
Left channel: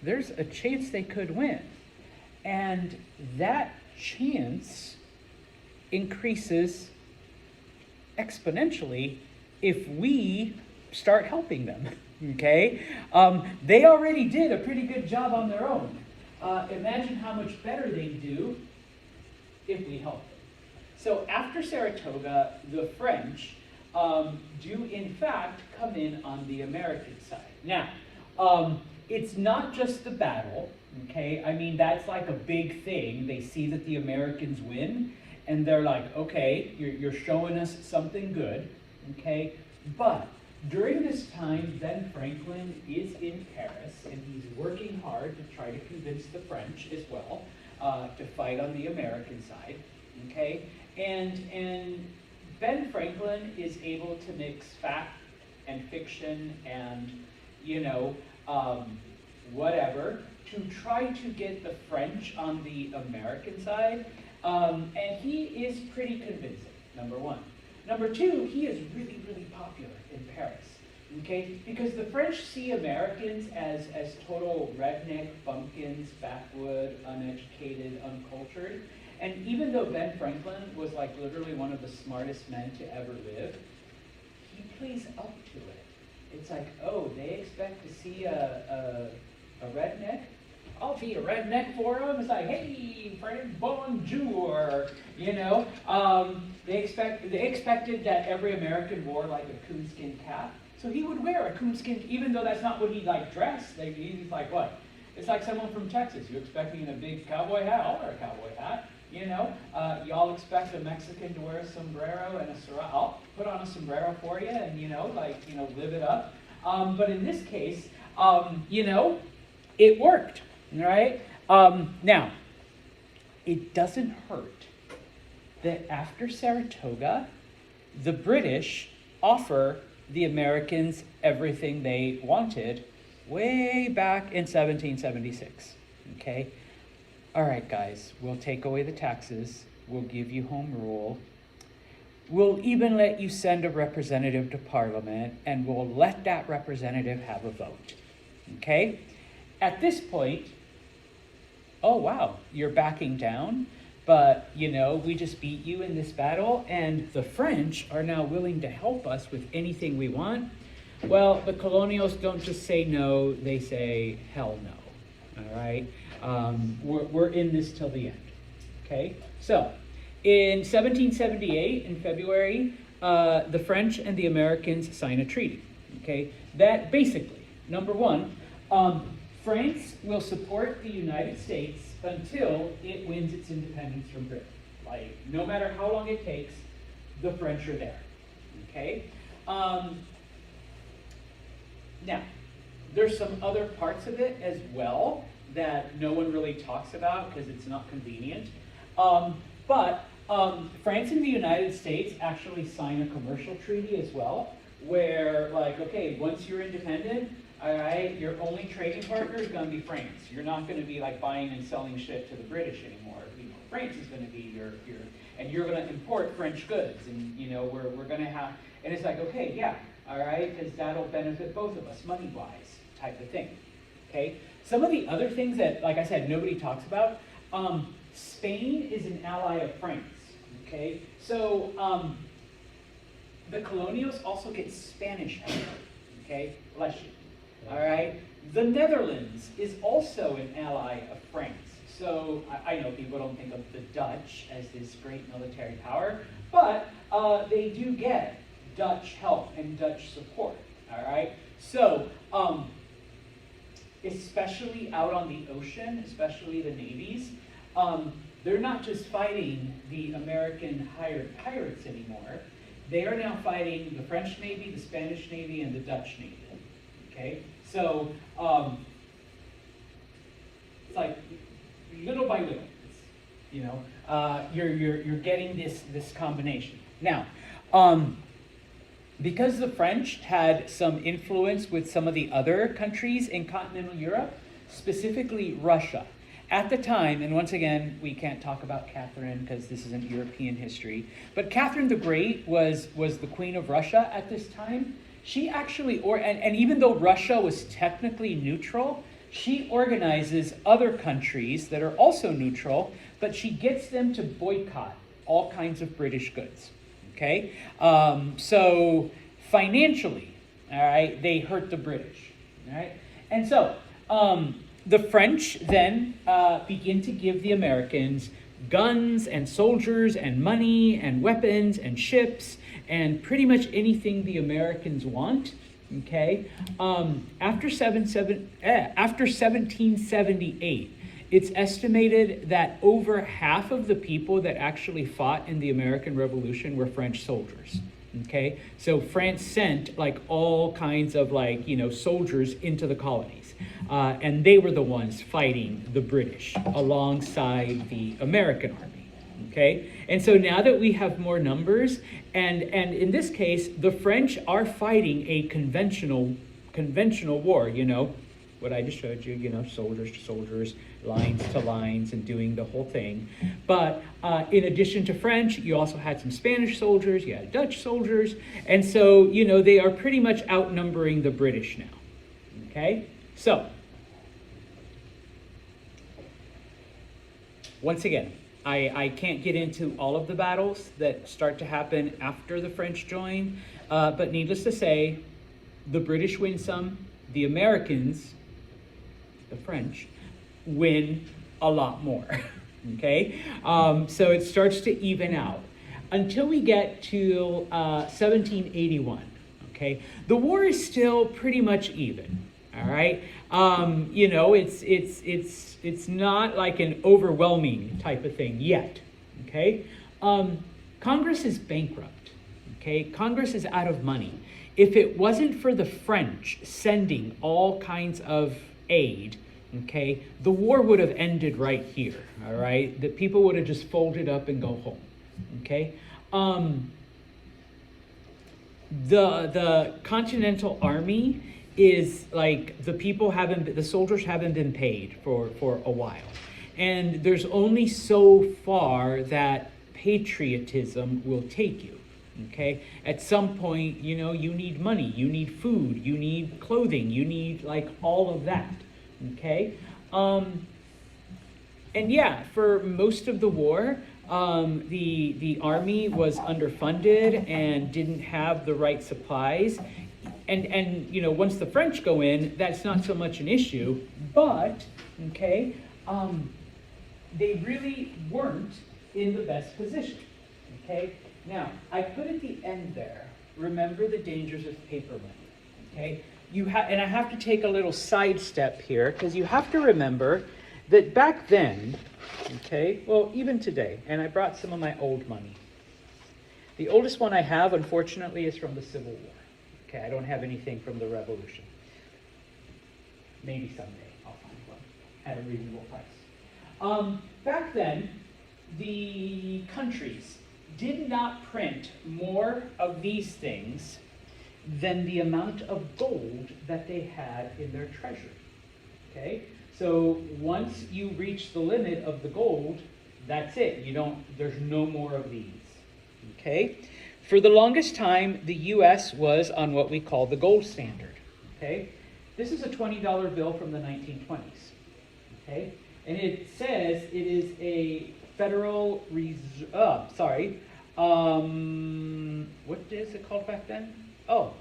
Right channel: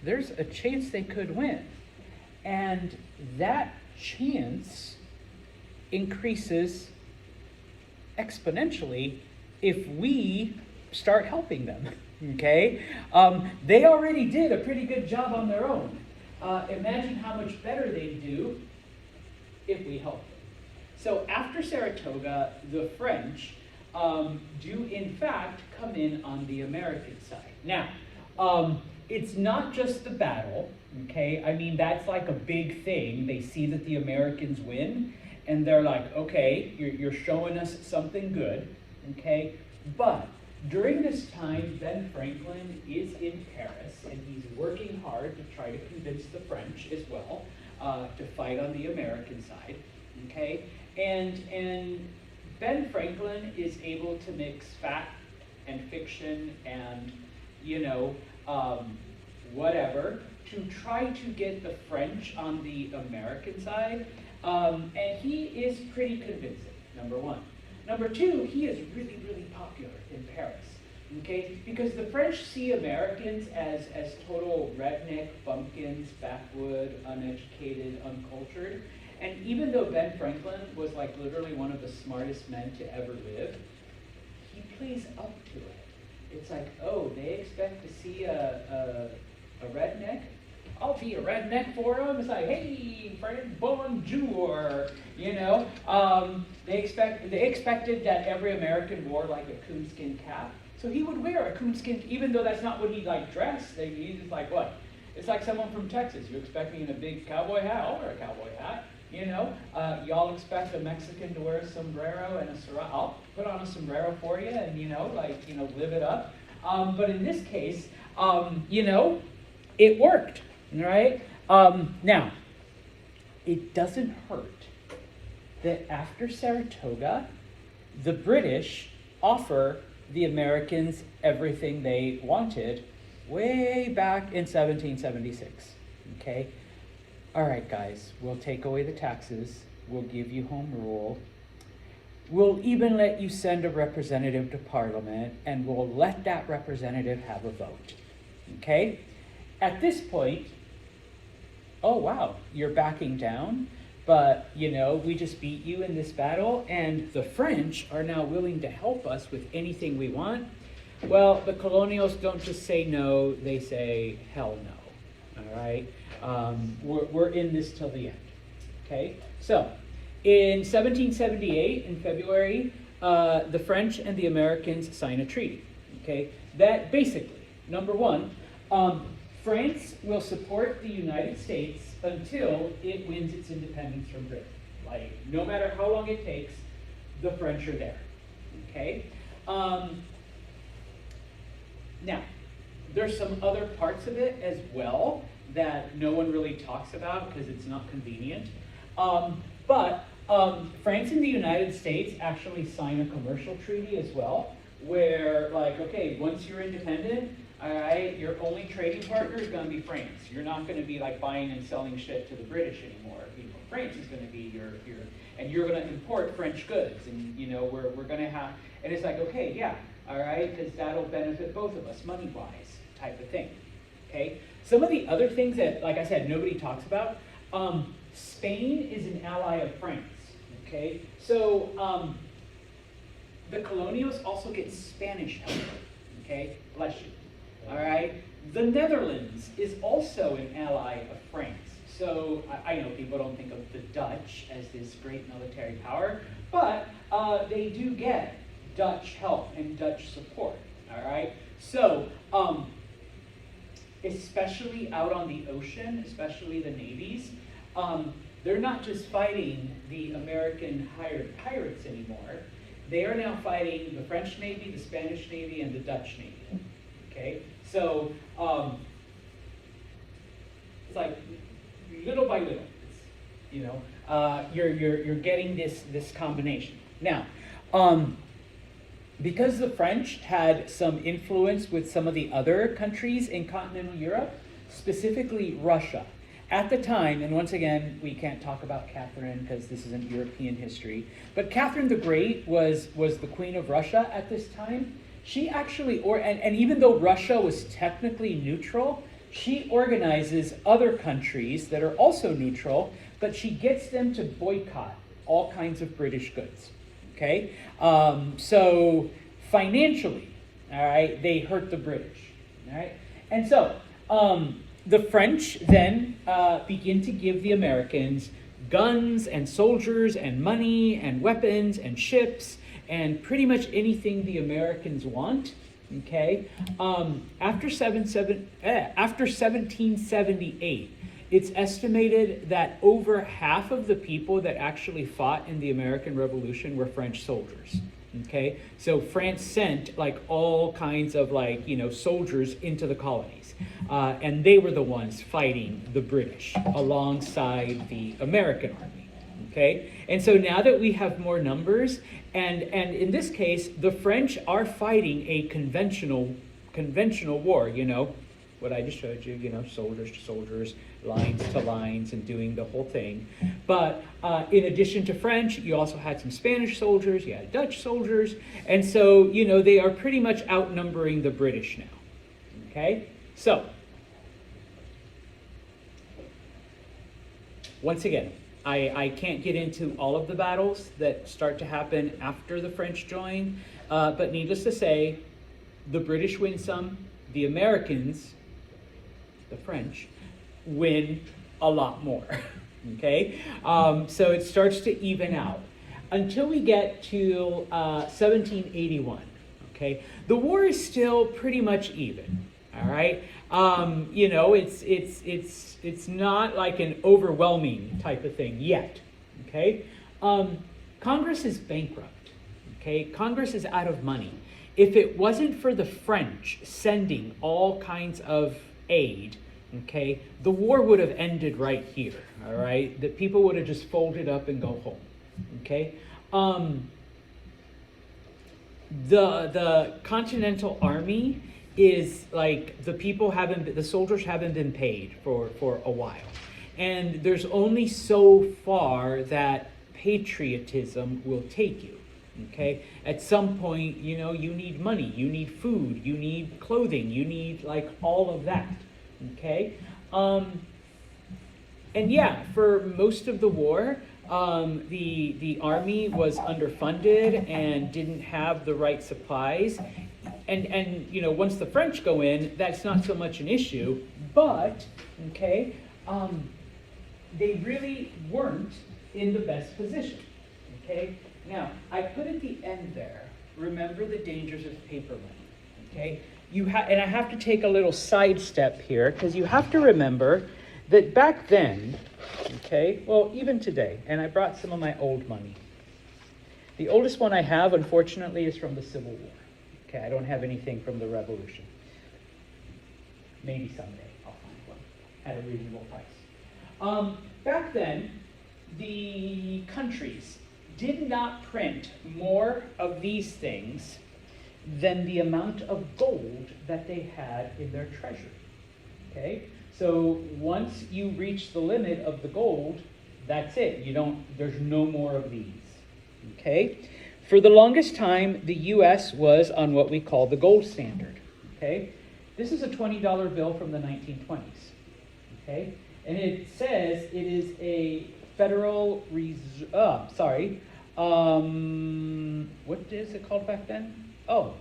There's a chance they could win. And that chance increases exponentially if we start helping them, okay? They already did a pretty good job on their own. Imagine how much better they'd do if we help them. So after Saratoga, the French do in fact come in on the American side. Now, it's not just the battle, okay? I mean, that's like a big thing. They see that the Americans win, and they're like, okay, you're showing us something good, okay? But during this time, Ben Franklin is in Paris, and he's working hard to try to convince the French as well to fight on the American side, okay? And Ben Franklin is able to mix fact and fiction and, whatever, to try to get the French on the American side. And he is pretty convincing, number one. Number two, he is really, really popular in Paris, okay? Because the French see Americans as total redneck, bumpkins, backwood, uneducated, uncultured. And even though Ben Franklin was like literally one of the smartest men to ever live, he plays up to it. It's like, oh, they expect to see a redneck? I'll be a redneck for them. It's like, hey, French bonjour, They expected that every American wore like a coonskin cap. So he would wear a coonskin, even though that's not what he like dressed. He's just like, what? It's like someone from Texas. You're expecting a big cowboy hat? I'll wear a cowboy hat. Y'all expect a Mexican to wear a sombrero and a serape. I'll put on a sombrero for you and, live it up. But in this case, it worked, right? Now, it doesn't hurt that after Saratoga, the British offer the Americans everything they wanted way back in 1776, okay? All right, guys, we'll take away the taxes. We'll give you home rule. We'll even let you send a representative to Parliament, and we'll let that representative have a vote, okay? At this point, oh, wow, you're backing down, but, we just beat you in this battle, and the French are now willing to help us with anything we want. Well, the colonials don't just say no, they say hell no. All right? We're in this till the end. Okay? So, in 1778, in February, the French and the Americans sign a treaty. Okay? That basically, number one, France will support the United States until it wins its independence from Britain. Like, no matter how long it takes, the French are there. Okay? Now, there's some other parts of it as well that no one really talks about because it's not convenient. But France and the United States actually sign a commercial treaty as well, where, like, okay, once you're independent, all right, your only trading partner is going to be France. You're not going to be like buying and selling shit to the British anymore. You know, France is going to be your and you're going to import French goods, and you know we're going to have, and it's like, okay, yeah, all right, because that'll benefit both of us money-wise, type of thing. Okay. Some of the other things that, like I said, nobody talks about. Spain is an ally of France. Okay, so the colonials also get Spanish help. Okay, bless you. All right, the Netherlands is also an ally of France. So I know people don't think of the Dutch as this great military power, but they do get Dutch help and Dutch support. All right, so especially out on the ocean, especially the navies, they're not just fighting the American hired pirates anymore. They are now fighting the French Navy, the Spanish Navy, and the Dutch Navy. Okay, so it's like little by little, you know, you're getting this combination. Now, because the French had some influence with some of the other countries in continental Europe, specifically Russia. At the time, and once again, we can't talk about Catherine because this isn't European history, but Catherine the Great was the queen of Russia at this time. She actually, and even though Russia was technically neutral, she organizes other countries that are also neutral, but she gets them to boycott all kinds of British goods. Okay? So financially, all right, they hurt the British. All right? And so, the French then begin to give the Americans guns and soldiers and money and weapons and ships and pretty much anything the Americans want. Okay, after 1778, it's estimated that over half of the people that actually fought in the American Revolution were French soldiers. Okay, so France sent like all kinds of like, you know, soldiers into the colonies, and they were the ones fighting the British alongside the American army. Okay, and so now that we have more numbers, and in this case, the French are fighting a conventional war. You know, what I just showed you. You know, soldiers to soldiers, lines to lines, and doing the whole thing. But in addition to French, you also had some Spanish soldiers, you had Dutch soldiers, and so, you know, they are pretty much outnumbering the British now. Okay? So, once again, I can't get into all of the battles that start to happen after the French join, but needless to say, the British win some, the Americans, the French, win a lot more. Okay, so it starts to even out until we get to 1781. Okay, the war is still pretty much even. All right, you know, it's not like an overwhelming type of thing yet. Okay, Congress is bankrupt. Okay, Congress is out of money. If it wasn't for the French sending all kinds of aid, okay, the war would have ended right here, all right? The people would have just folded up and go home, okay? The Continental Army is like the soldiers haven't been paid for a while. And there's only so far that patriotism will take you, okay? At some point, you know, you need money, you need food, you need clothing, you need like all of that. Okay, and yeah, for most of the war, the army was underfunded and didn't have the right supplies. and you know, once the French go in, that's not so much an issue, but, okay, they really weren't in the best position, okay? Now, I put at the end there, remember the dangers of paper money, okay? And I have to take a little sidestep here, because you have to remember that back then, okay, well, even today, and I brought some of my old money. The oldest one I have, unfortunately, is from the Civil War. Okay, I don't have anything from the Revolution. Maybe someday I'll find one at a reasonable price. Back then, the countries did not print more of these things than the amount of gold that they had in their treasury. Okay, so once you reach the limit of the gold, that's it. There's no more of these. Okay, for the longest time, the U.S. was on what we call the gold standard. Okay, this is a $20 bill from the 1920s. Okay, and it says it is a Federal Reserve. What is it called back then? Oh,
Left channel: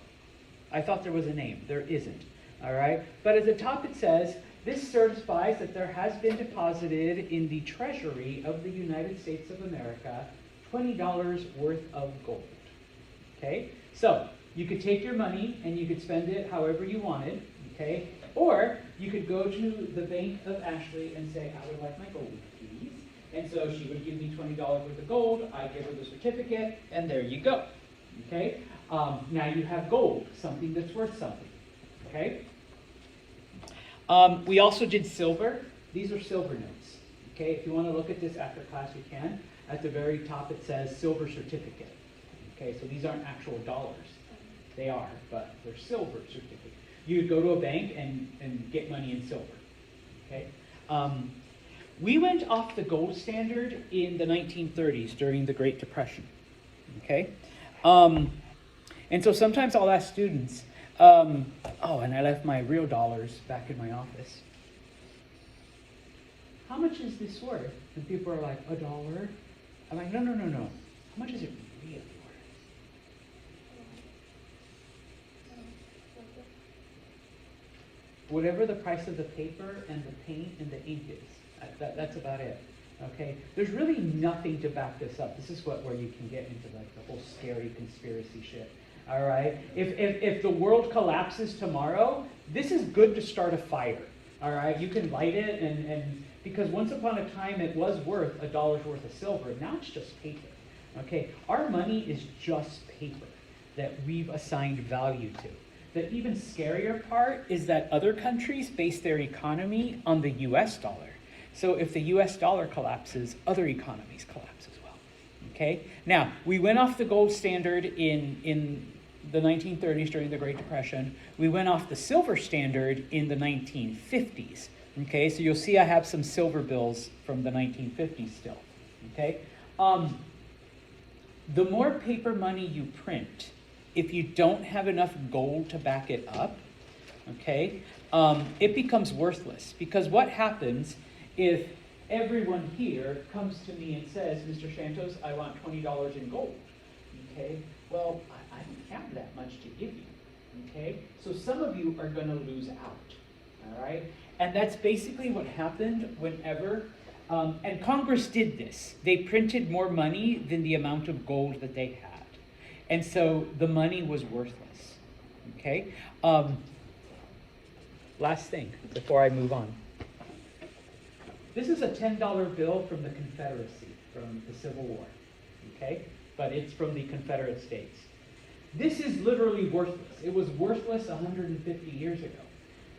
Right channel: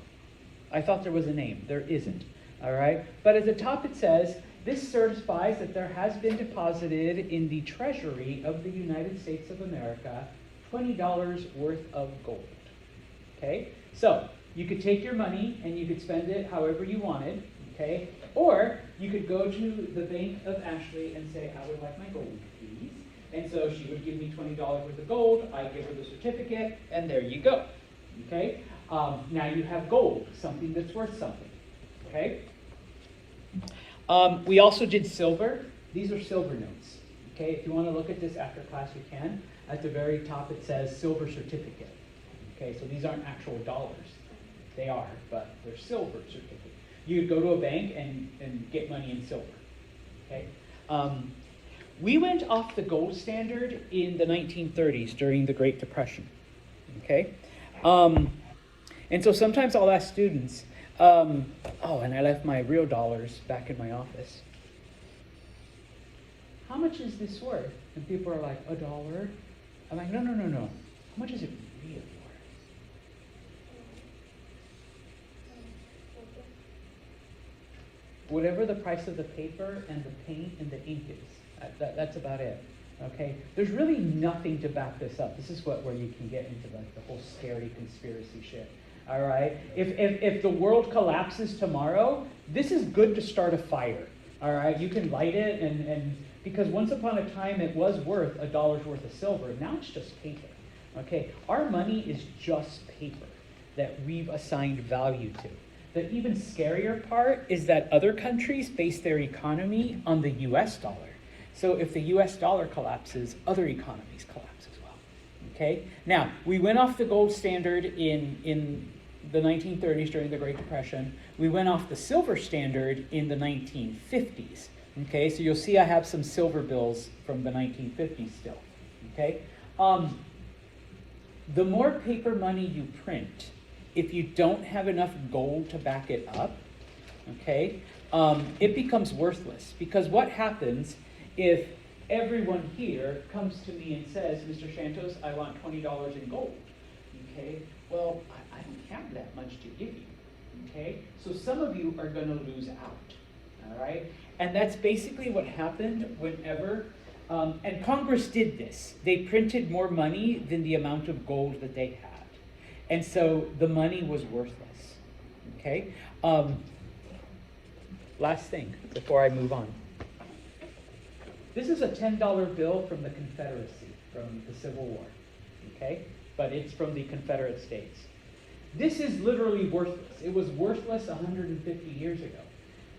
I thought there was a name. There isn't. All right, but at the top it says, this certifies that there has been deposited in the Treasury of the United States of America $20 worth of gold. Okay, so you could take your money and you could spend it however you wanted. Okay, or you could go to the Bank of Ashley and say, I would like my gold, please. And so she would give me $20 worth of gold. I give her the certificate, and there you go. Okay, now you have gold, something that's worth something. Okay. We also did silver. These are silver notes. Okay, if you want to look at this after class, you can. At the very top, it says silver certificate. Okay, so these aren't actual dollars. They are, but they're silver certificates. You would go to a bank and get money in silver. Okay, we went off the gold standard in the 1930s during the Great Depression. Okay, and so sometimes I'll ask students, and I left my real dollars back in my office. How much is this worth? And people are like, $1. I'm like, no. How much is it really worth? Whatever the price of the paper and the paint and the ink is, that's about it. Okay? There's really nothing to back this up. This is where we can get into like the whole scary conspiracy shit. All right? If the world collapses tomorrow, this is good to start a fire. All right? You can light it and because once upon a time it was worth $1 worth of silver. Now it's just paper. Okay? Our money is just paper that we've assigned value to. The even scarier part is that other countries base their economy on the US dollar. So if the US dollar collapses, other economies collapse as well. Okay? Now, we went off the gold standard in the 1930s during the Great Depression. We went off the silver standard in the 1950s. Okay? So you'll see I have some silver bills from the 1950s still. Okay? The more paper money you print, if you don't have enough gold to back it up, okay, it becomes worthless. Because what happens if everyone here comes to me and says, Mr. Santos, I want $20 in gold? Okay, well, I don't have that much to give you. Okay, so some of you are going to lose out. All right, and that's basically what happened whenever. And Congress did this. They printed more money than the amount of gold that they had. And so the money was worthless. Okay? Last thing before I move on. This is a $10 bill from the Confederacy, from the Civil War. Okay? But it's from the Confederate States. This is literally worthless. It was worthless 150 years ago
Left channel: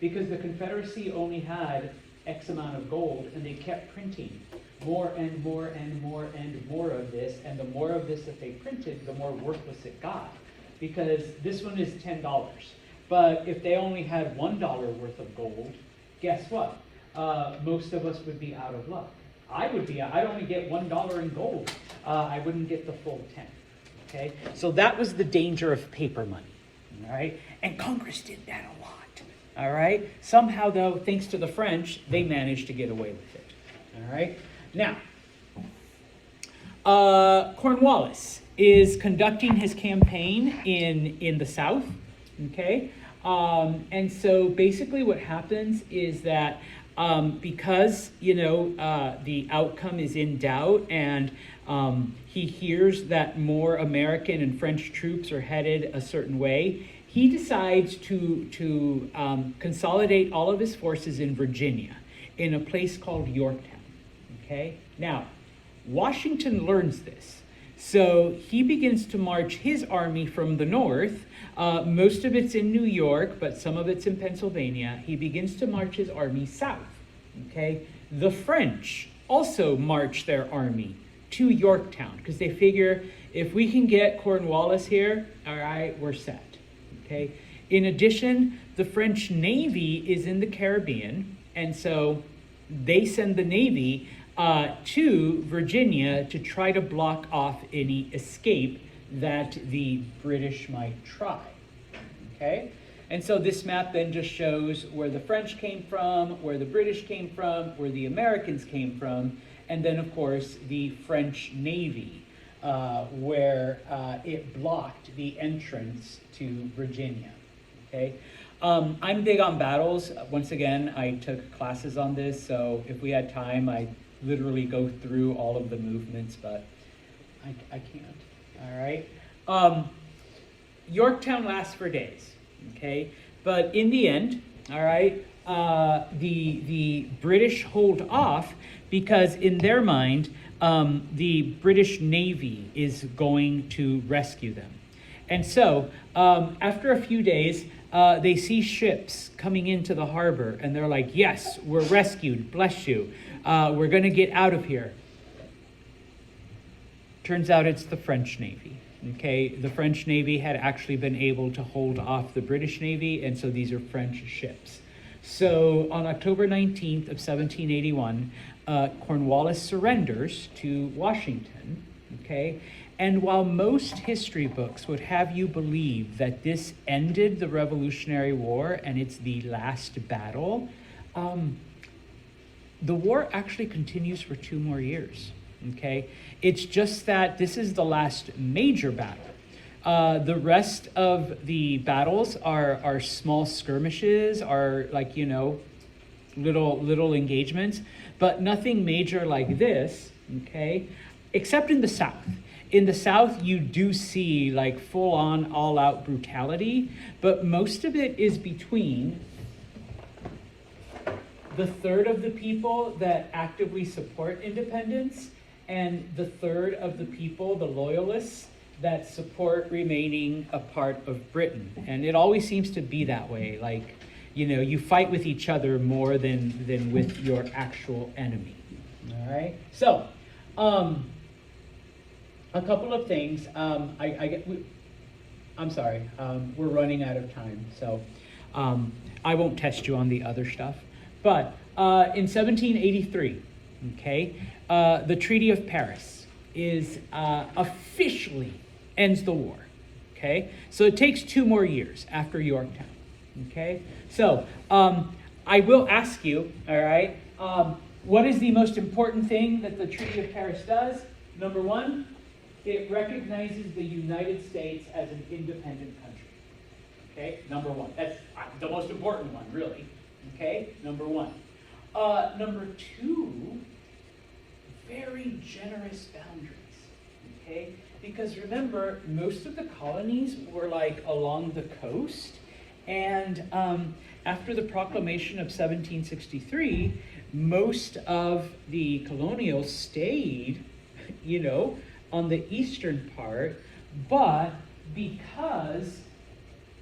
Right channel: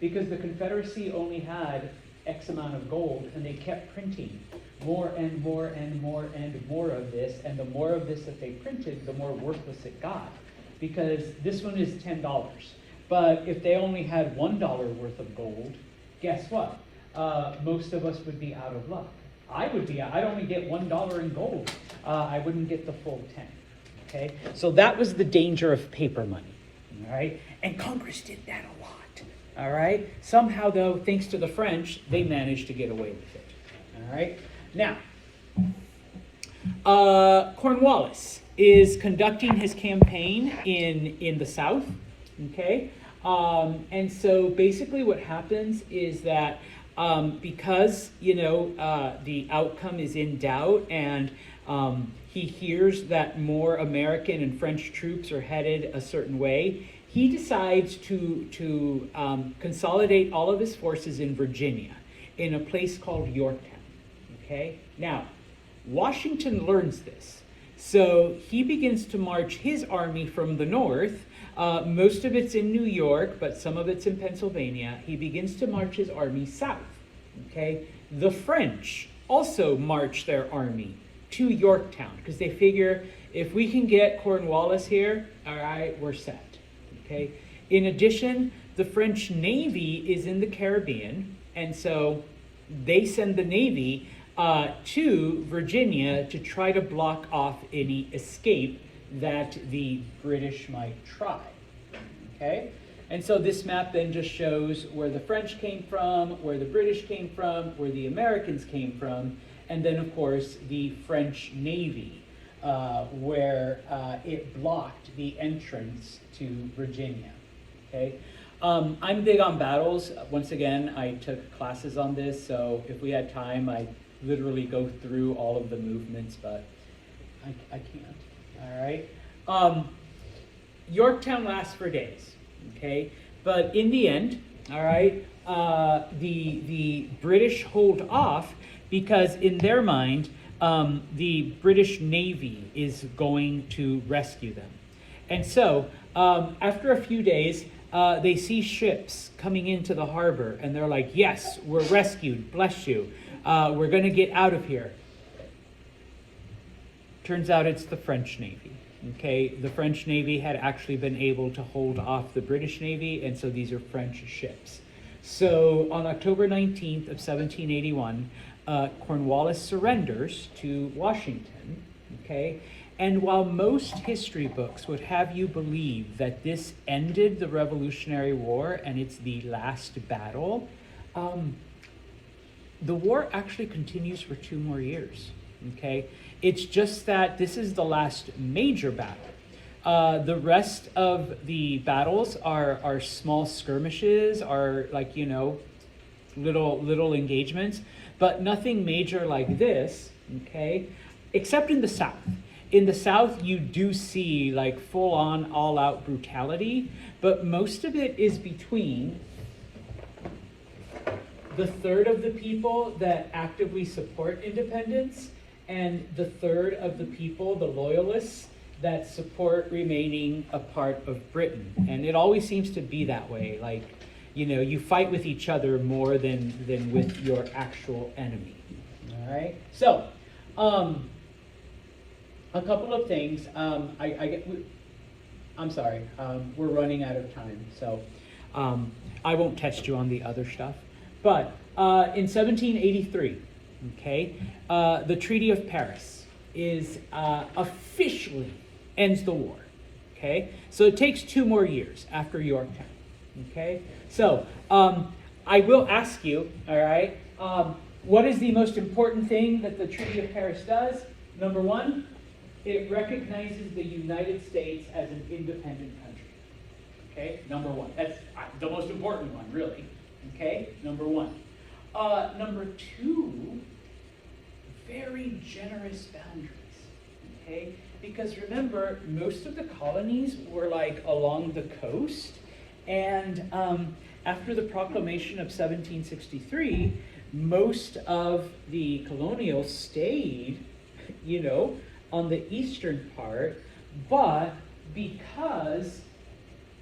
because the Confederacy only had X amount of gold, and they kept printing more and more and more and more of this, and the more of this that they printed, the more worthless it got, because this one is $10. But if they only had $1 worth of gold, guess what? Most of us would be out of luck. I'd only get $1 in gold. I wouldn't get the full 10. Okay? So that was the danger of paper money. All right? And Congress did that a lot. All right? Somehow, though, thanks to the French, they managed to get away with it. All right? Now, Cornwallis is conducting his campaign in the South. okay? And so basically what happens is that because, the outcome is in doubt and he hears that more American and French troops are headed a certain way, he decides to consolidate all of his forces in Virginia, in a place called Yorktown, okay? Now, Washington learns this, so he begins to march his army from the north. Most of it's in New York, but some of it's in Pennsylvania. He begins to march his army south, okay? The French also march their army to Yorktown, because they figure if we can get Cornwallis here, all right, we're set, okay? In addition, the French Navy is in the Caribbean, and so they send the Navy to Virginia to try to block off any escape that the British might try, okay? And so this map then just shows where the French came from, where the British came from, where the Americans came from, and then of course the French Navy, where it blocked the entrance to Virginia, okay? I'm big on battles. Once again, I took classes on this, so if we had time, I'd literally go through all of the movements, but I can't, all right? Yorktown lasts for days, okay? But in the end, all right, the British hold off because in their mind, the British Navy is going to rescue them. And so after a few days, they see ships coming into the harbor and they're like, yes, we're rescued, bless you. We're gonna get out of here. Turns out it's the French Navy, okay? The French Navy had actually been able to hold off the British Navy, and so these are French ships. So on October 19th of 1781, Cornwallis surrenders to Washington, okay? And while most history books would have you believe that this ended the Revolutionary War and it's the last battle, the war actually continues for 2 more years, okay? It's just that this is the last major battle. The rest of the battles are small skirmishes, are like, little engagements, but nothing major like this, okay? Except in the South. In the South, you do see like full-on, all-out brutality, but most of it is between the third of the people that actively support independence and the third of the people, the loyalists, that support remaining a part of Britain. And it always seems to be that way. Like, you fight with each other more than with your actual enemy. All right? So, a couple of things. I'm sorry, we're running out of time, so I won't test you on the other stuff. But in 1783, okay, the Treaty of Paris is officially ends the war, okay? So it takes 2 more years after Yorktown, okay? So I will ask you, all right, what is the most important thing that the Treaty of Paris does? Number 1, it recognizes the United States as an independent country, okay? Number 1, that's the most important one, really, okay? Number 1. Number 2, very generous boundaries, okay? Because remember, most of the colonies were like along the coast, and after the proclamation of 1763, most of the colonials stayed, on the eastern part, but because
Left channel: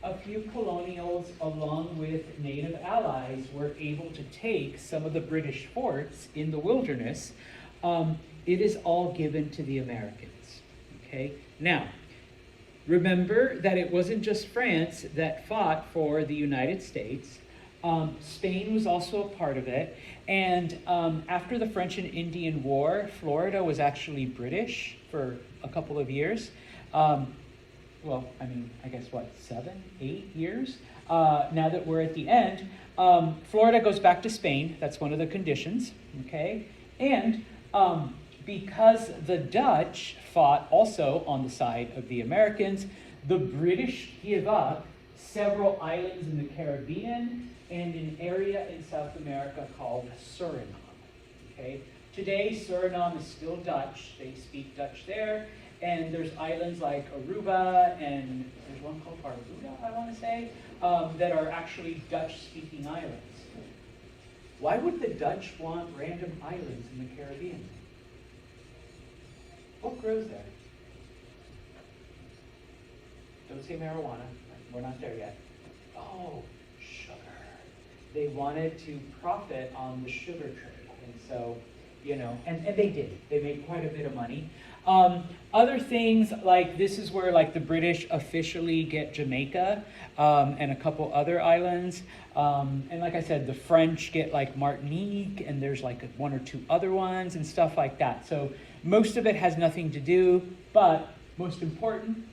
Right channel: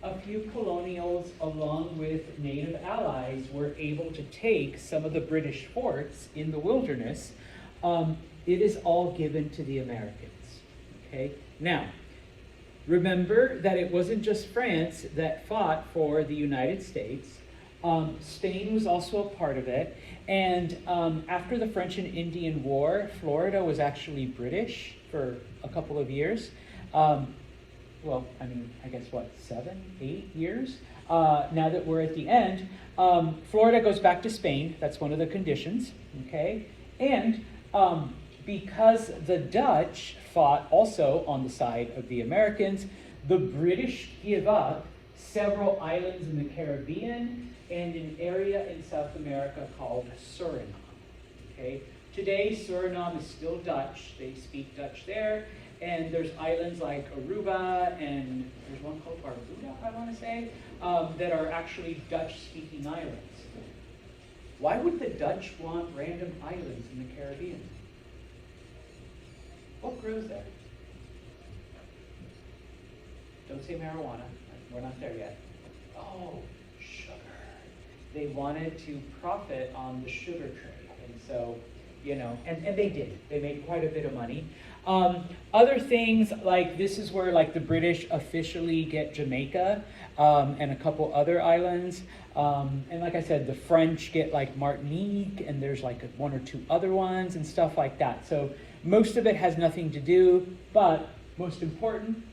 a few colonials, along with native allies, were able to take some of the British forts in the wilderness, it is all given to the Americans, okay? Now, remember that it wasn't just France that fought for the United States. Spain was also a part of it, and after the French and Indian War, Florida was actually British for a couple of years. Well, I guess 7, 8 years? Now that we're at the end, Florida goes back to Spain. That's one of the conditions, okay? And because the Dutch fought also on the side of the Americans, the British give up several islands in the Caribbean, and an area in South America called Suriname. Okay? Today, Suriname is still Dutch. They speak Dutch there. And there's islands like Aruba, and there's one called Aruba, I want to say, that are actually Dutch-speaking islands. Why would the Dutch want random islands in the Caribbean? What grows there? Don't say marijuana. We're not there yet. Oh, sugar. They wanted to profit on the sugar trade. And so, you know, and they did. They made quite a bit of money. Other things, like this is where like the British officially get Jamaica, and a couple other islands. And like I said, the French get like Martinique, and there's like one or two other ones and stuff like that. So most of it has nothing to do, but most important,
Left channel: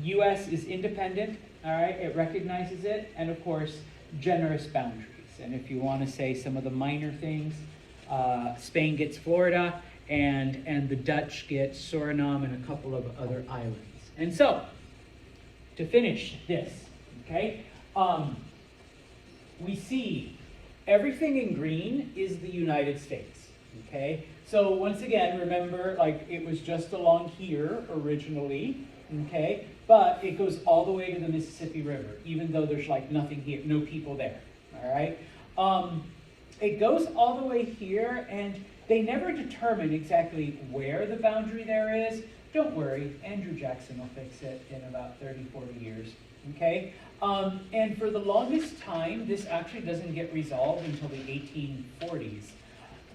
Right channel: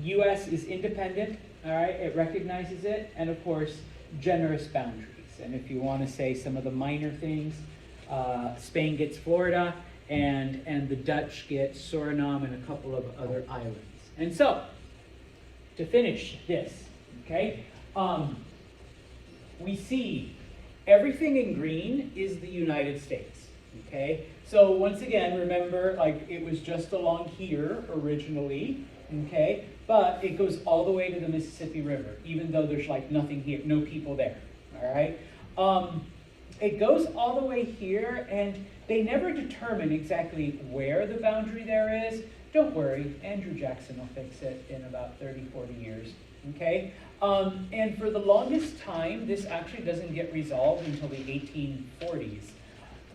US is independent, all right? It recognizes it, and of course, generous boundaries. And if you want to say some of the minor things, Spain gets Florida, and the Dutch get Suriname and a couple of other islands. And so, to finish this, okay, we see everything in green is the United States, okay? So once again, remember, like it was just along here originally, okay? But it goes all the way to the Mississippi River, even though there's like nothing here, no people there, all right? It goes all the way here, and they never determine exactly where the boundary there is. Don't worry, Andrew Jackson will fix it in about 30, 40 years, okay? And for the longest time, this actually doesn't get resolved until the 1840s.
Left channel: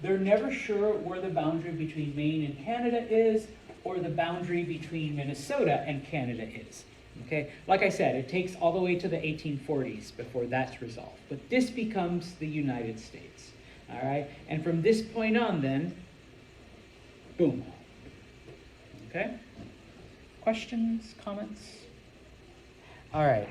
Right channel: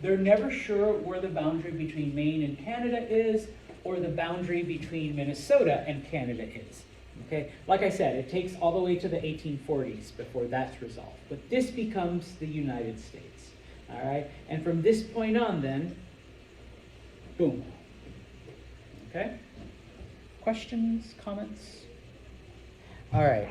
They're never sure where the boundary between Maine and Canada is, or the boundary between Minnesota and Canada is. Okay, like I said, it takes all the way to the 1840s before that's resolved. But this becomes the United States. All right, and from this point on, then, boom. Okay, questions, comments? All right.